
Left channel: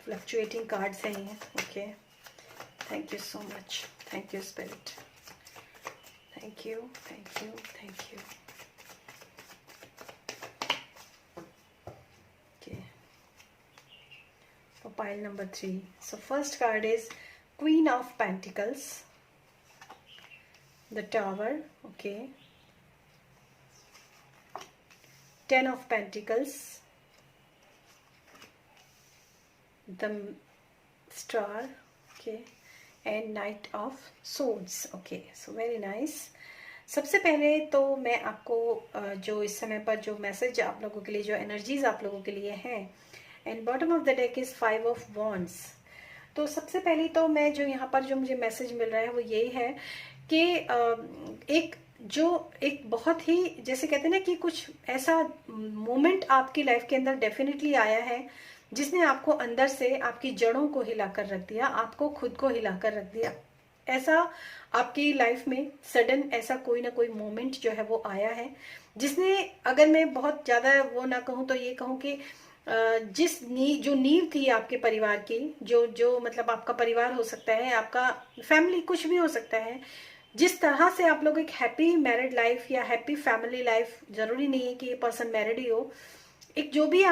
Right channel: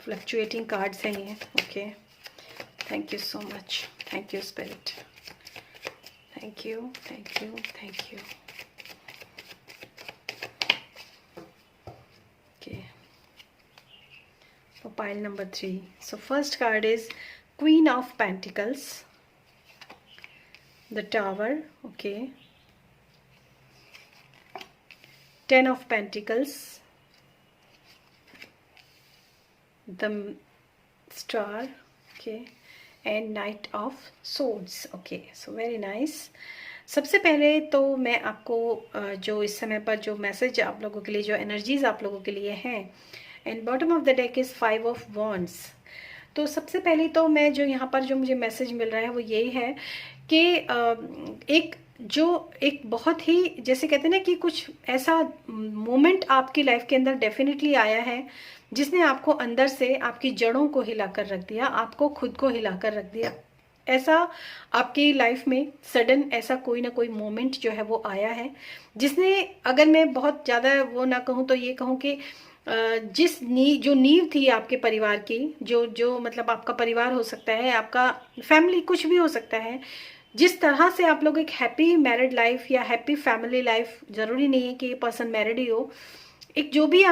फ्लक्चुएटिंग कार्ड्स हैं ये। Okay, thank you so much, thank you spirit, thank you, thank you, thank you. Pile number 3. So first card is Queen of Pentacles, the Tower. Okay, 10 of Pentacles, the Star. Okay, and Knight of Swords. Okay, so very nice. सबसे पहले तो मैं आपको जो इस समय पर जो मैसेज आप लोगों के लिए, जो एनर्जीज आप लोगों के लिए हैं, and bottom of the deck is 5 of wands. तो सबसे पहले तो मैं जो यहाँ पर जो मुझे मैसेज मिल रहा है वो यही है कि एक बहुत ही, जैसे कहते हैं ना कि कुछ ऐसा मोमेंट आपकी लाइफ के अंदर डेफिनेटली आया है जिसने आपको अंदर से आपकी जड़ों को हिलाकर रख दिया, आपको खुद को हिलाकर रख दिया। ऐसा आपकी लाइफ में सडन ऐसा कोई ना कोई मोमेंट जो है वो आया है जिसने, अगर मैं बहुत ज़्यादा वो ना कहूँ तो ये कहूँ कि जो नींव थी आपके परिवार की, जो मतलब आपका परिवार हो सकता है, आपका फैमिली, कुछ भी हो सकता है, जिस तरह से आप लोग एक हैप्पी मैरिड लाइफ या हैप्पी फैमिली लाइफ, जरूरी नहीं है कि ये पर्सन मैरिड ही हो, एक जो भी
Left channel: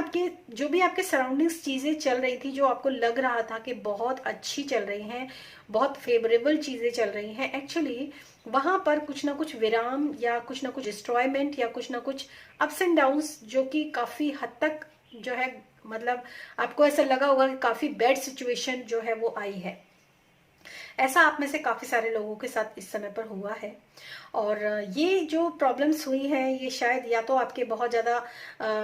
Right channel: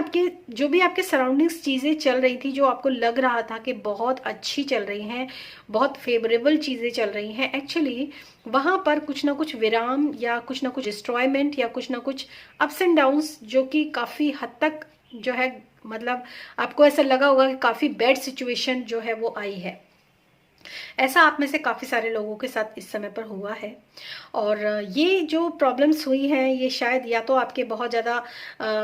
आपके सराउंडिंग्स चीजें चल रही थी, जो आपको लग रहा था कि बहुत अच्छी चल रही हैं, बहुत फेवरेबल चीजें चल रही हैं, एक्चुअली वहां पर कुछ ना कुछ विराम या कुछ ना कुछ डिस्ट्रॉयमेंट या कुछ ना कुछ अप्स एंड डाउन्स, जो कि काफी हद तक जो है, मतलब आपको ऐसा लगा होगा कि काफी बैड सिचुएशन जो है वो आई है। ऐसा आप में से काफी सारे लोगों के साथ इस समय पर हुआ है। और ये जो प्रॉब्लम्स हुई हैं, ये शायद या तो आपके बहुत ज्यादा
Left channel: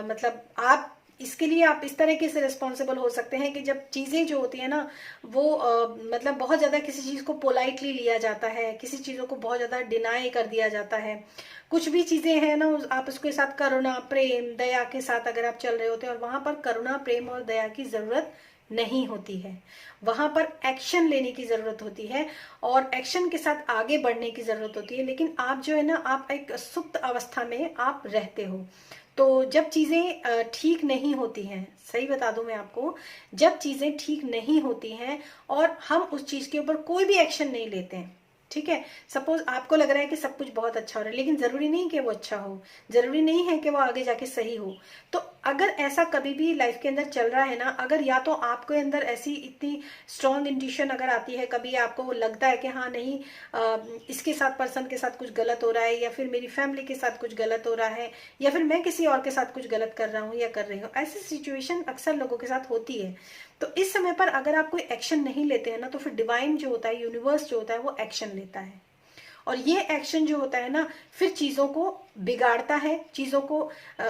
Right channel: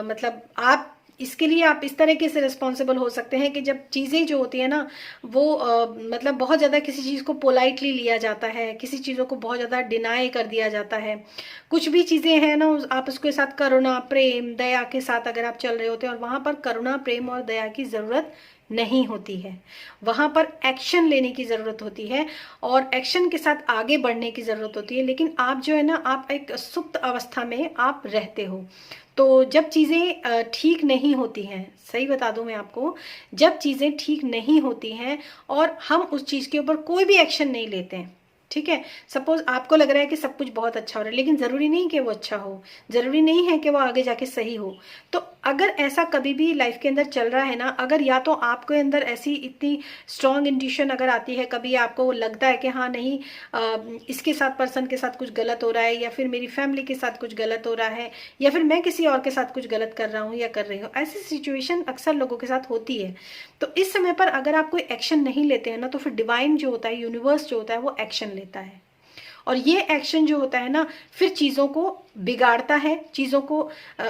मतलब आप इसके लिए आप इस तरीके से रिस्पॉन्सिबल हो सकते हैं कि जब चीजें जो होती है ना वो मतलब बहुत ज्यादा किसी चीज को पोलाइटली लिया जाता है, किसी चीजों को बहुत ज्यादा डिनाई कर दिया जाता है। कुछ भी चीजें हैं ना, आप उसके साथ करुणा, प्रेम, दया के साथ अगर आप चल रहे होते हैं, और वहां पर करुणा, प्रेम और दया की जरूरत नहीं होती है, वहां पर एक्शन लेने की जरूरत होती है और एक्शन के साथ आगे बढ़ने की जरूरत होती है। लेकिन आप जो है ना, आप एक सुप्त अवस्था में आप रहते हो। तो जब चीजें ठीक नहीं होती हैं, सही बता दूं मैं आपको, जब चीजें ठीक नहीं होती हैं और हम उस चीज के ऊपर कोई भी एक्शन नहीं लेते हैं, ठीक है, सपोज आपको लग रहा है कि सब कुछ बहुत अच्छा हो रहा है, लेकिन जरूरी नहीं कि वो अच्छा हो, जरूरी नहीं है कि वो आगे जाके सही हो। तो अगर ऐसा कभी भी लाइफ के अंदर चल रहा है ना, अगर या तो आपके अंदर ऐसी इतनी स्ट्रॉन्ग इंट्यूशन अगर आती है, कभी आपको लगता है कि हाँ नहीं, इसके साथ, पर्सन के साथ कुछ गलत हो रहा है, या फिर मेरी फैमिली के साथ कुछ गलत हो रहा है, या फिर मैं किसी और के साथ कुछ गलत कर रहा हूँ या कर रही हूँ, ऐसी सिचुएशन अक्सर लोगों के साथ होती है। तो इस समय पर अगर आप कोई एक्शन नहीं लेते हैं ना, तो फिर डिवाइन जो होता है, यूनिवर्स जो होता है, वो एक्शन लेता है। और ये एक्शन जो होता है ना, फिर चीजों को बिगाड़ता है, चीजों को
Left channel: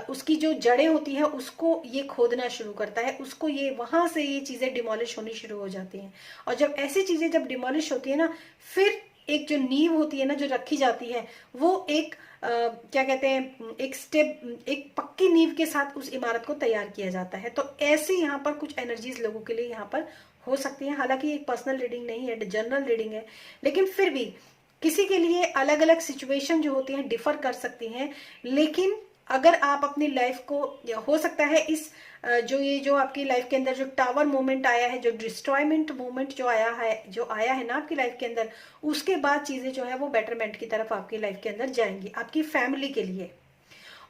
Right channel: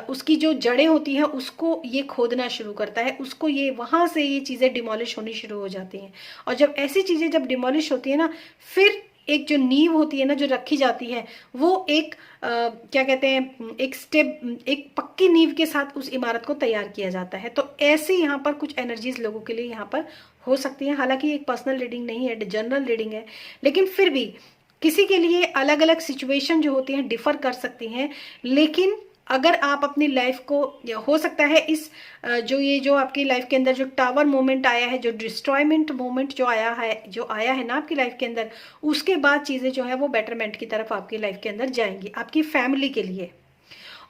उसकी जो जड़ें होती हैं उसको ये खोदना शुरू करता है, उसको ये वहां से ये चीजें डिमोलिश होनी शुरू हो जाती हैं। और जब ऐसी चीजें जब डिमोलिश होती है ना, फिर एक जो नींव होती है ना, जो रखी जाती है, वो एक क्या कहते हैं, एक स्टेप, एक पक्की नींव के साथ उस इमारत को तैयार किया जाता है। तो ऐसे यहाँ पर कुछ एनर्जीज लोगों के लिए यहाँ पर हो सकती है। हालांकि एक पर्सनल रीडिंग नहीं है, जनरल रीडिंग है, लेकिन फिर भी किसी के लिए अलग अलग सिचुएशन जो होती हैं डिफर कर सकती हैं। लेकिन अगर आप अपनी लाइफ को, हो सकता है इस जो आपकी लाइफ के अंदर जो टावर मोमेंट आया है, जो डिस्ट्रॉयमेंट मोमेंट जो आया है ना आपकी लाइफ के अंदर, उसके बाद चीजें जो है वो बेटरमेंट की तरफ आपकी लाइफ के अंदर जाएंगी आपकी फैमिली के लिए।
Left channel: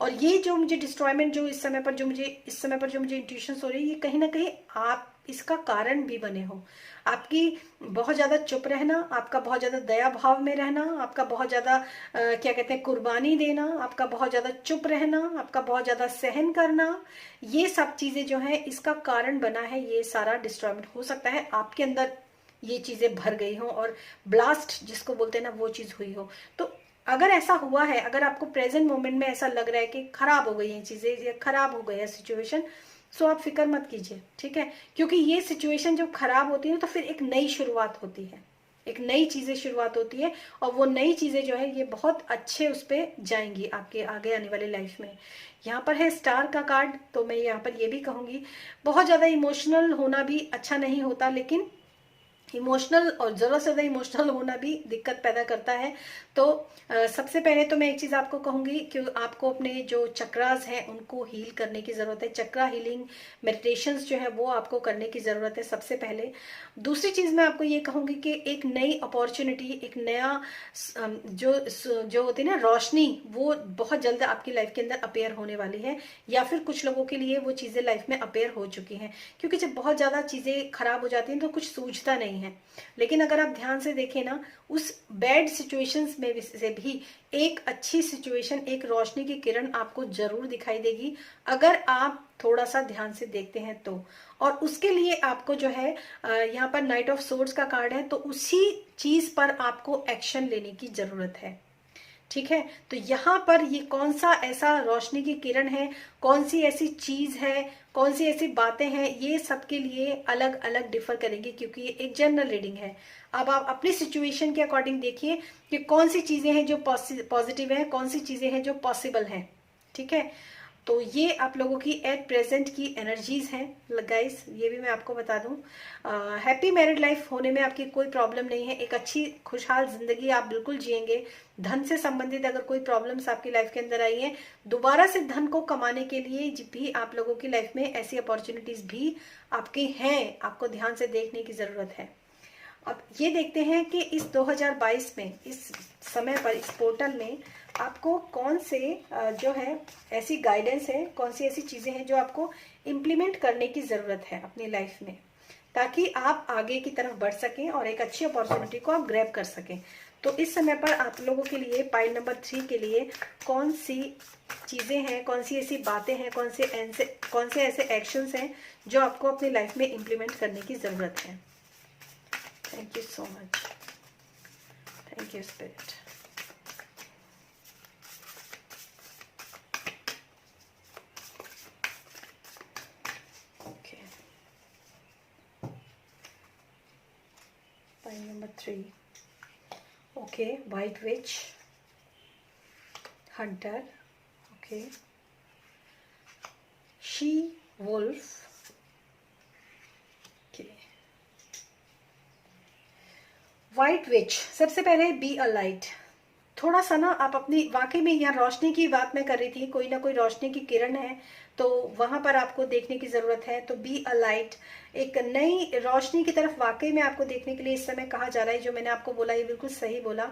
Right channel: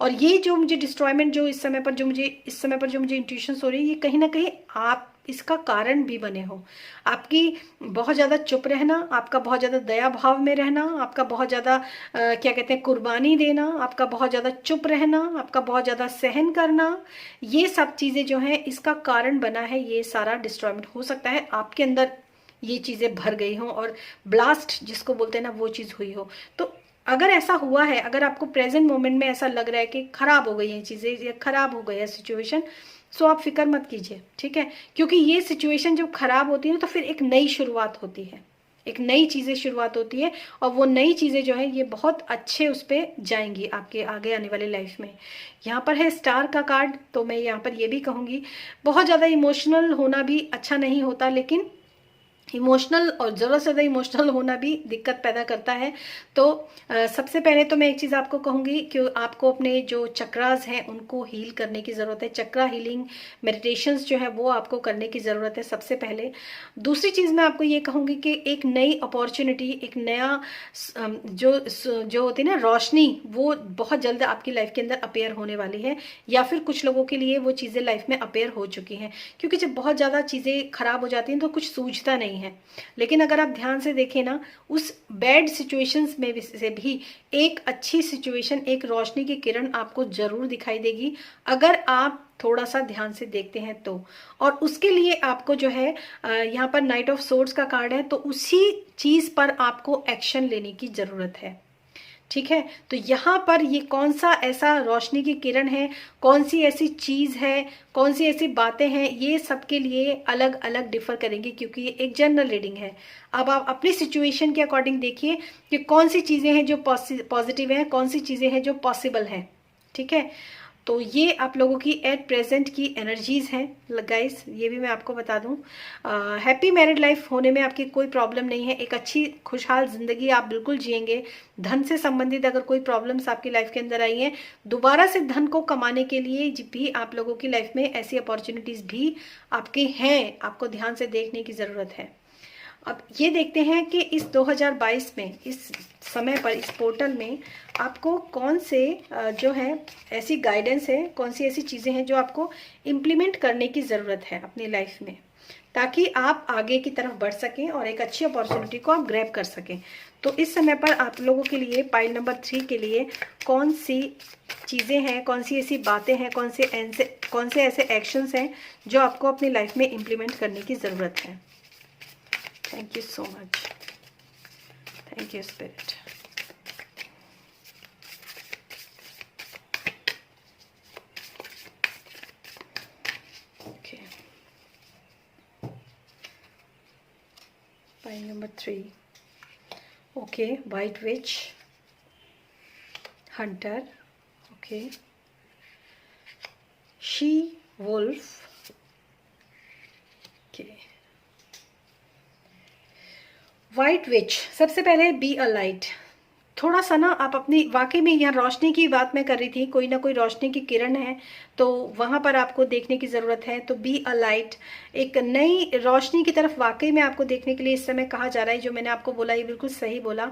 और ये जो मुझे डिस्ट्रॉयमेंट जो इस समय पर जो मुझे इंट्यूशंस हो रही है, ये कहीं ना कहीं आप इसका कारण भी बने हो। आपकी बहुत ज्यादा चुप रहना, आपका बहुत ज्यादा दया भाव में रहना, आपका बहुत ज्यादा क्या कहते हैं कुर्बानी देना, आपका बहुत ज्यादा चुप रहना, आपका बहुत ज्यादा सहन करना, ये सब चीजें जो है इसका कारण बना है। ये सारा डिस्ट्रॉयमेंट हो सकता है आपके अंदर ये चीजें भर गई हो और ब्लास्ट जिसको बोलते हैं ना वो चीज हुई हो। तो अगर ऐसा हुआ है, अगर आपको प्रेजेंट मोमेंट में ऐसा लग रहा है कि खराब हो गई है चीजें, ये खराब हो गया सिचुएशन, सो आप फिक्र मत कीजिए, ठीक है। क्योंकि ये सिचुएशन जब खराब होती है तो फिर एक नई शुरुआत होती है, एक नई चीजें शुरुआत होती है, और वो नई चीजें जो है ये बहुत अच्छे उस पर जाएंगी आपके आगे आने वाली लाइफ में। यहाँ पर है स्टार का कार्ड, तो मैं यहाँ पर ये भी कहूंगी बहुत ज्यादा इमोशनल होना भी अच्छा नहीं होता, लेकिन इमोशनल और जरूरत से ज्यादा इमोशनल होना भी दिक्कत पैदा करता है। तो सबसे पहले तो मैं एक चीज आपको कहूंगी कि आपको अपने जो चक्रास हैं उनको हील करने की जरूरत है। चक्रा हीलिंग मेडिटेशंस जो है वो आपको करने की जरूरत है सबसे पहले। दूसरी चीज मैं आपको ये कहूंगी कि एक नई अपॉर्चुनिटी, एक नया जो होती है ना रोशनी, वो बहुत जल्द आपकी लाइफ के अंदर अपेयर होने वाली है, या फिर कुछ लोगों के लिए वो चीजें लाइफ में अपेयर हो चुकी हैं। क्योंकि जब बहुत ज्यादा चीजें खराब हो जाती हैं तो कुछ सूझता नहीं है। लेकिन अगर आप ध्यान से देखें ना, उस बैड सिचुएशंस में से भी एक अच्छी सिचुएशन, एक रोशनी की किरण आपको जरूर दिखाई देगी अगर आप थोड़ा सा ध्यान से देखते हैं तो। और उसके लिए आपको जो है यहाँ पर नाइट ऑफ सोर्ड्स का कार्ड है, तो उसी चीज पर आपको एक्शन लेने की जरूरत है, ठीक है। तो यहाँ पर ये कौन सा ऐसा रोशनी की किरण है, कौन सी ऐसी चीज है, कौन सी ऐसी बातें हैं, ये सबके लिए अलग अलग डिफर करेंगी, क्योंकि ये एक जनरल रीडिंग है। अब आप अपनी सिचुएशन के अकॉर्डिंग देखिए कि कौन सी चीजें हैं जो पॉजिटिव है, कौन सी चीजें हैं जो पॉसिबल हैं, ठीक है। तो ये आप लोगों की एट प्रेजेंट की एनर्जीज हैं गाइस, ये भी मैं आपको बता दूं। हैप्पी मैरिड लाइफ होने में आपकी कोई प्रॉब्लम नहीं है, एक अच्छी खुशहाल जिंदगी आप बिल्कुल जिएंगे। धन से संबंधित अगर कोई प्रॉब्लम्स आपकी लाइफ के अंदर आई हैं, दोबारा से धन को कमाने के लिए भी आप लोगों की लाइफ में ऐसी अपॉर्चुनिटीज भी आपके हैं, आपको ध्यान से देखने की जरूरत है। अब ये देखते हैं कि इस 2022 में, इस समय पर, इस पोर्टल में आपको कौन से जो है ऐसी गाइडेंस है, कौन सी ऐसी चीजें हैं जो आपको इम्प्लीमेंट करने की जरूरत है अपनी लाइफ में, ताकि आप आगे की तरफ बढ़ सकें और एक अच्छी अपॉर्चुनिटी को आप ग्रैब कर सकें। तो इस समय पर आप लोगों के लिए पाइल नंबर 3 के लिए कौन सी चीजें हैं, कौन सी ऐसी बातें हैं, कौन से ऐसे एक्शंस हैं जो आपको अपनी लाइफ में इम्प्लीमेंट करने की जरूरत है। Thank you so much. Thank you, Spirit. Okay. Pile number 3. Okay, White Witch, Hunter. Okay. She Wolf. Okay. White witch, सबसे पहले बी अ लाइट। थोड़ा सा ना आप अपनी, वाकई में यहाँ रोशनी की बात मैं कर रही थी, कोई ना कोई रोशनी की किरण है तो वहां पर आपको देखने की जरूरत है। तो बी अ लाइट, एक नई रोशनी की तरफ वाकई में आपको देखने के लिए इस समय कहा जा रहा है। जो मैंने आपको बोला ये बिल्कुल सही बोला।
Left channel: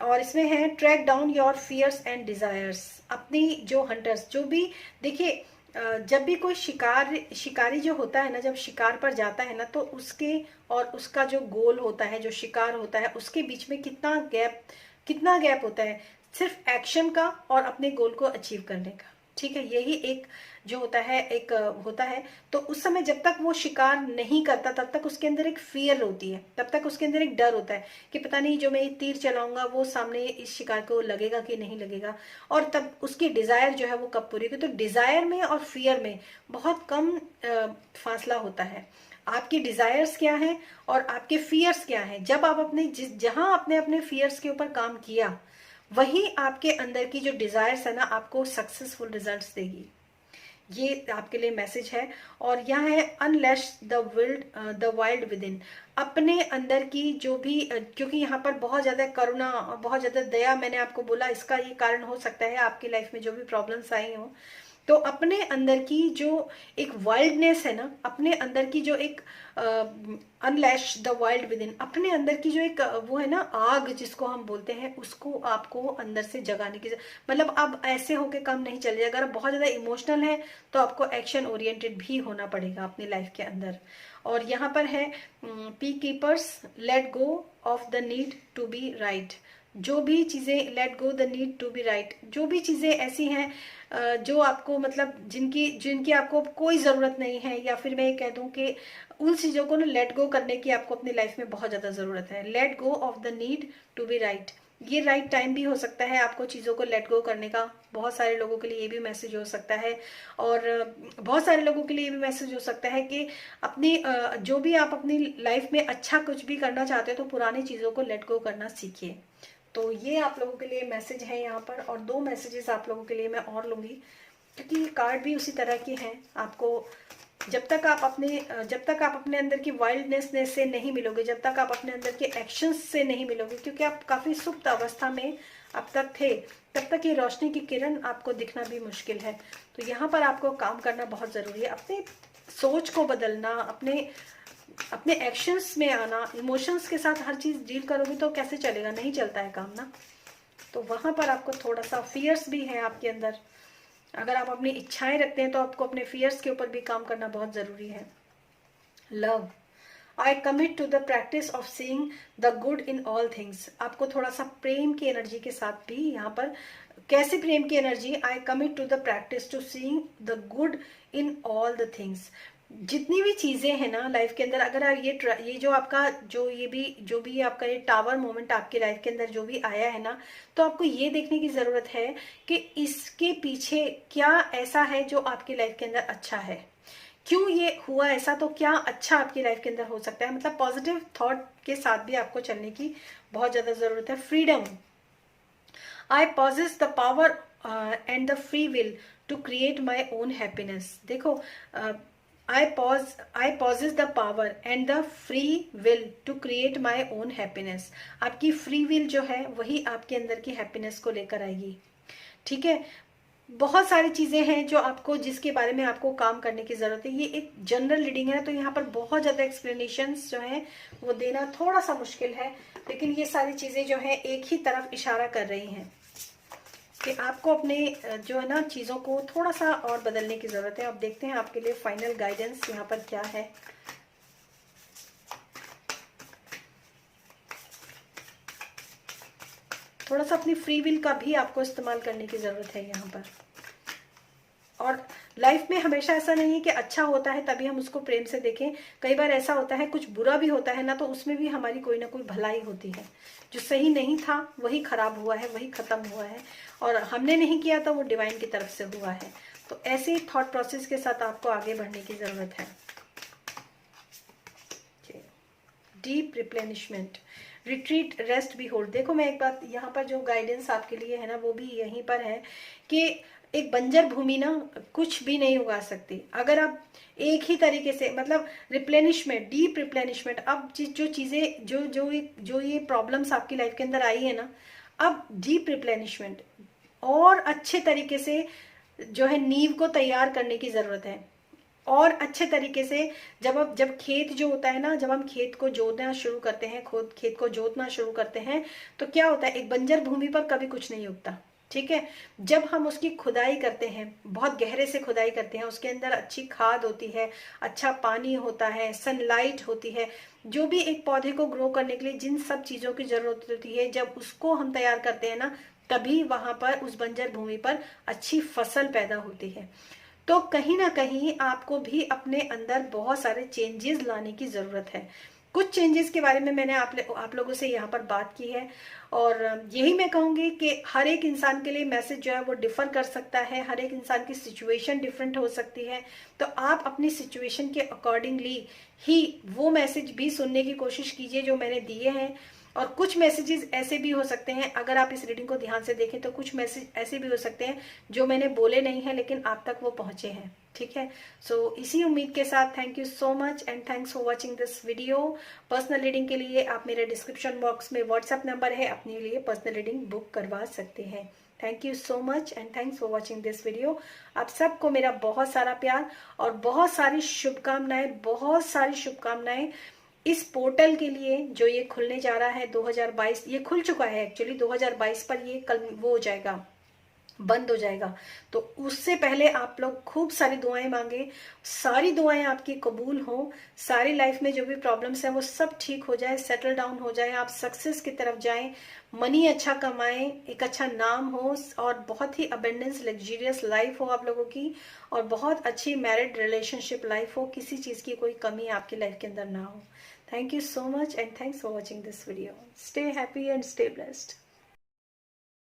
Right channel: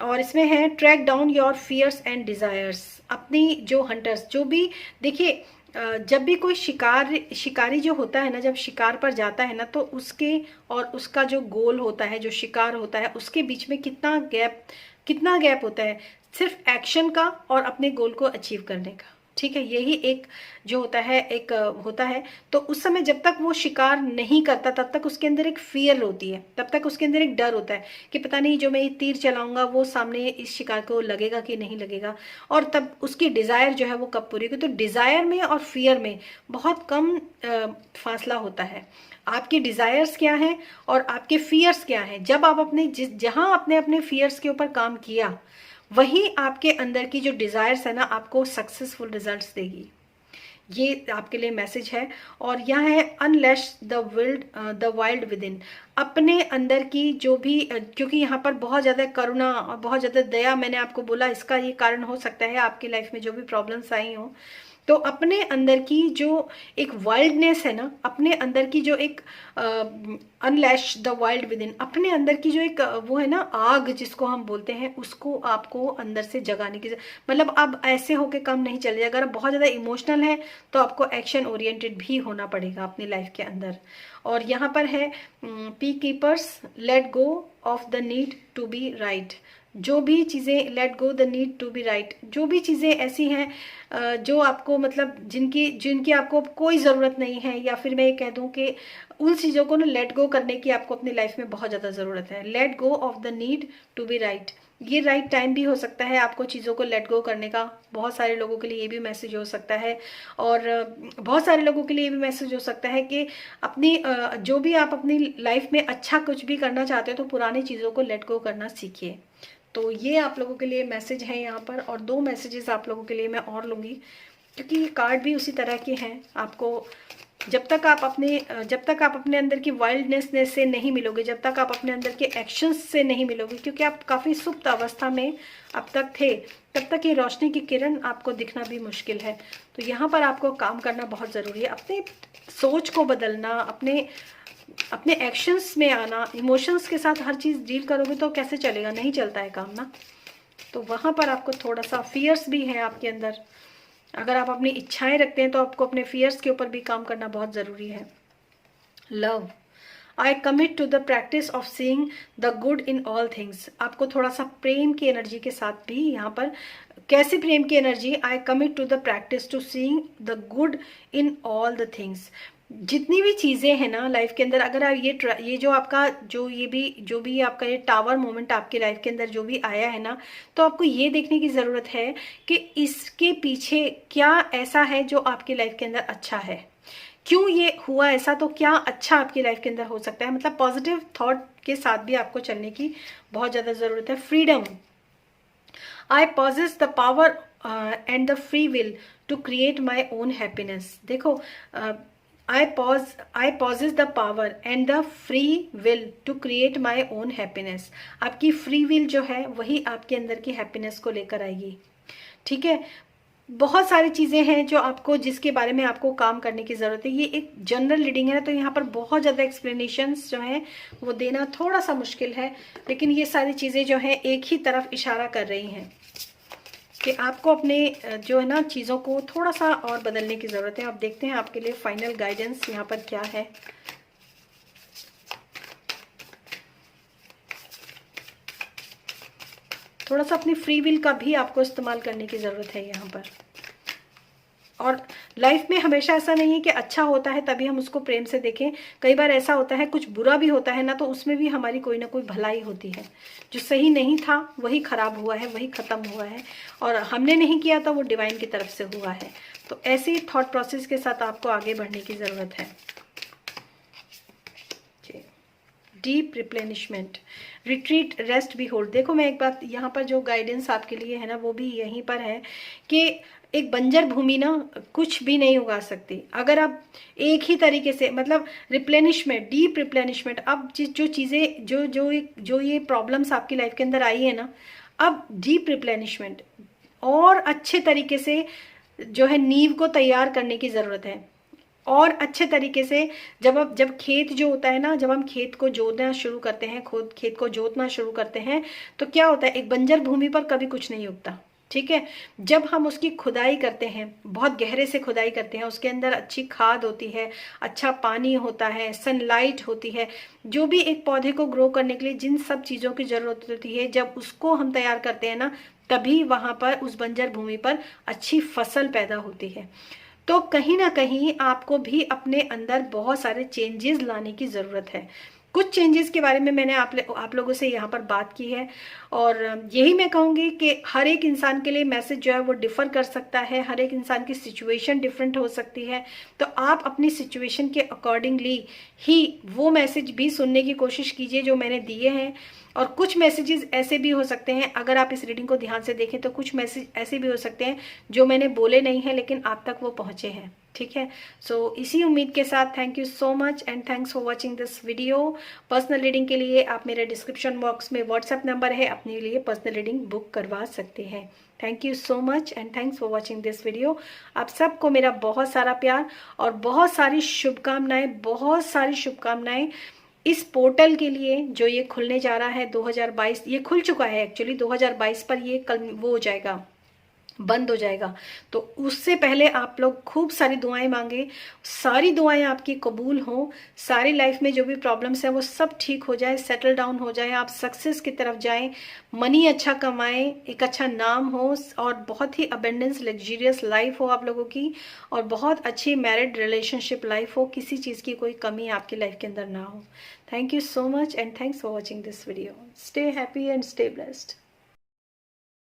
और इसमें है track down your fears and desires. अपनी जो हंटर्स, जो भी, देखिए जब भी कोई शिकारी जो होता है ना, जब शिकार पर जाता है ना, तो उसके और उसका जो गोल होता है, जो शिकार होता है, उसके बीच में कितना गैप होता है, सिर्फ एक्शन का और अपने गोल को अचीव करने का, ठीक है। यही एक जो होता है, एक होता है। तो उस समय जब तक वो शिकार नहीं करता तब तक उसके अंदर एक फियर होती है, तब तक उसके अंदर एक डर होता है कि पता नहीं जो मैं ये तीर चलाऊंगा वो सामने इस शिकार को लगेगा कि नहीं लगेगा, और तब उसकी डिजायर जो है वो कब पूरी होगी। तो डिजायर में और फियर में बहुत कम फासला होता है। आपकी डिजायर्स क्या हैं और आपके फियर्स क्या हैं, जब आप जहां आपने अपने फियर्स के ऊपर काम किया, वही आपके अंदर की जो डिजायर्स है ना, आपको सक्सेसफुल रिजल्ट्स देगी। ये आपके लिए मैसेज है। और यहाँ है अनलैश द वाइल्ड विद इन, अपने अंदर की जो भी, क्योंकि यहाँ पर बहुत ज्यादा करुणा और बहुत ज्यादा दया, मैंने आपको बोला इसका ये कारण हो सकता है आपकी लाइफ में जो भी प्रॉब्लम्स आई हो, तो अपने अंदर की जो एक वाइल्डनेस है ना, अपने अंदर की जो एक अनलैश द वाइल्ड विद इन, अपने अंदर की जो एक वो है ना आग जिसको हम बोलते हैं, उसको आपको अंदर से जगाने की, मतलब अब ऐसे होके काम नहीं चलेगा। अगर आप बहुत ज्यादा इमोशनल है तो आपको एक्शन ओरिएंटेड भी होना पड़ेगा अपनी लाइफ के अंदर। और यहाँ पर है peacekeepers let go of the need to be right, जो भी चीजें, let go the need to be right, जो भी चीजें ऐसी हैं जो आपको मतलब जिनकी जिनकी आपको कोई ज़रूरत नहीं है, या फिर मैं ये कह दूं कि उन चीज़ों को ना लेट गो करने की आपको अपनी लाइफ में बहुत ज़्यादा ज़रूरत है। Let go of the need to be right, ये राइट टाइम भी हो सकता है आपको चीज़ों को लेट गो करने का। बहुत सारे लोगों के लिए ये भी मैसेज हो सकता है, और बहुत सारे लोगों के लिए ये भी मैसेज हो सकता है कि अपनी जो भी आप अपनी लाइफ में अच्छा कुछ भी करना चाहते हो तो पुरानी चीज़ों को लेट गो करना सीखिए। तो ये आप लोगों के लिए मैसेज है यहाँ पर, और 2 मैसेजेस आप लोगों के लिए मैं और लूँगी, क्योंकि कार्ड भी उसी तरह के हैं। आपको जब तक आप अपने अंदर की वाइल्डनेस से नहीं मिलोगे, जब तक आप अपने अंदर के एक्शंस से नहीं मिलोगे, क्योंकि आप काफ़ी सुप्त अवस्था में अब तक थे, तब तक ये रोशनी की किरण आपको दिखना भी मुश्किल है। तो यहाँ पर आपको काम करना बहुत ज़रूरी है, अपने सोच को बदलना, अपने एक्शंस में आना। इमोशंस के साथ हर चीज़ डील करोगे तो कैसे चलेगा, नहीं चलता है काम ना। तो वहाँ पर आपको थोड़ा सा फियर्स भी है आपके अंदर, अगर आप अपनी इच्छाएं रखते हैं तो आपको अपने फियर्स के ऊपर भी काम करना बहुत ज़रूरी है। Love, I commit to the practice of seeing the good in all things, आपको थोड़ा सा प्रेम की एनर्जी के साथ भी यहाँ पर, कैसे प्रेम की energy, I commit to the practice to seeing the good in all the things, जितनी भी चीजें हैं ना लाइफ के अंदर, अगर आप ये जो आपका जो भी आपका ये टावर मोमेंट आपकी लाइफ के अंदर जो भी आया है ना, तो आपको ये देखने की जरूरत है कि इसके पीछे क्या ऐसा है जो आपकी लाइफ के अंदर अच्छा है, क्यों ये हुआ ऐसा, तो क्या अच्छा आपकी लाइफ के अंदर हो सकता है। मतलब पॉजिटिव थॉट के साथ भी आपको चलने की बहुत ज्यादा जरूरत है। Freedom, I possess the power and the free will to create my own happiness. देखो, I possess the power and the free will to create my own happiness. आपकी फ्री विल जो है वही आपके अंदर की हैप्पीनेस को लेकर आएगी। ठीक है, बहुत सारी चीजें हैं जो आपको, जिसके बारे में आपको काम करने की जरूरत है। ये एक जनरल रीडिंग है, तो यहाँ पर बहुत ज्यादा एक्सप्लेनेशंस जो है वो देना थोड़ा सा मुश्किल है, लेकिन ये सारी चीजें जो है एक ही तरफ इशारा कर रही हैं कि आपको अपने जो है ना चीज़ों को थोड़ा सा और बदलने की ज़रूरत है। अब देखते हैं आपके लिए फाइनल गाइडेंस यहाँ पर क्या है। थोड़ा सा अपनी फ्री विल का भी आपको इस्तेमाल करने की ज़रूरत है यहाँ पर। और लाइफ में हमेशा ऐसा नहीं है कि अच्छा होता है तभी हम उसको प्रेम से देखें, कई बार ऐसा होता है कुछ बुरा भी होता है ना, तो उसमें भी हमारी कोई ना कोई भलाई होती है। जो सही नहीं था वही खराब हुआ है, वही खत्म हुआ है, और हमने नहीं किया था, वो डिवाइन की तरफ से हुआ है। तो ऐसे थॉट प्रोसेस के साथ आपको आगे बढ़ने की जरूरत है। Deep replenishment, retreat, rest, be hold. देखो, मैं एक बात यहाँ पर जो गाइडेंस आपके लिए है ना वो भी यहीं पर है कि एक बंजर भूमि ना कुछ भी नहीं उगा सकती अगर आप एक ही तरीके से, मतलब रिप्लेनिशमेंट, डीप रिप्लेनिशमेंट। अब जो चीजें जो ये प्रॉब्लम्स आपकी लाइफ के अंदर आई है ना, अब डीप रिप्लेनिशमेंट और अच्छे तरीके से जो है नींव को तैयार करने की जरूरत है। और अच्छे तरीके से जब खेत जो होता है ना, जब हम खेत को जोतना शुरू करते हैं, खेत को जोतना शुरू करते हैं, तो क्या होता है, एक बंजर भूमि पर कभी कुछ नहीं उगता। ठीक है, जब हम उसकी खुदाई करते हैं, बहुत गहरे से खुदाई करते हैं, उसके अंदर अच्छी खाद होती है, अच्छा पानी होता है, सनलाइट होती है, जो भी एक पौधे को ग्रो करने के लिए जिन सब चीजों की जरूरत होती है, जब उसको हम तैयार करते हैं ना, तभी वहां पर उस बंजर भूमि पर अच्छी फसल पैदा होती है। तो कहीं ना कहीं आपको भी अपने अंदर बहुत सारे चेंजेस लाने की जरूरत है। कुछ चेंजेस के बारे में मैंने आप लोगों से यहाँ पर बात की है, और यही मैं कहूँगी कि हर एक इंसान के लिए मैसेज जो है वो डिफर कर सकता है, हर एक इंसान की सिचुएशन डिफरेंट हो सकती है। तो आप अपनी सिचुएशन के अकॉर्डिंगली ही वो मैसेज भी सुनने की कोशिश कीजिए जो मैंने दिए हैं। और कुछ मैसेजेस ऐसे भी हो सकते हैं, अगर आप इस रीडिंग को ध्यान से देखें तो कुछ मैसेज ऐसे भी हो सकते हैं जो मैंने बोले नहीं है लेकिन आप तक वो पहुंचे हैं। ठीक है। सो इसी उम्मीद के साथ thank you so much and thanks for watching this video. Personal reading के लिए आप मेरे डिस्क्रिप्शन बॉक्स में व्हाट्सएप नंबर है, अपने लिए पर्सनल रीडिंग बुक करवा सकते हैं। Thank you so much and thanks for watching this video. आप सबको मेरा बहुत सारा प्यार और बहुत सारी शुभकामनाएं, बहुत सारी शुभकामनाएं इस पोर्टल के लिए जो ये खुलने जा रहा है 2022। ये खुल चुका है एक्चुअली 2022 पर, ये कल वो हो जाएगा, बंद हो जाएगा। तो उससे पहले आप लोग खूब सारी दुआएं मांगे, सारी दुआएं आपकी कबूल हो, सारी लाइफ में जो भी प्रॉब्लम्स हैं वो सब ठीक हो जाए, सेटल डाउन हो जाए, आप सक्सेस की तरफ जाएं, मनी अच्छा कमाएं, एक अच्छा नाम हो और बहुत ही अबेंडेंस लग्जरियस लाइफ हो आप लोगों की, और बहुत अच्छी मैरिड रिलेशनशिप लाइफ हो, किसी चीज की कोई कमी आपकी लाइफ के अंदर ना हो। Thank you so much and thanks for watching this video. Stay happy and stay blessed.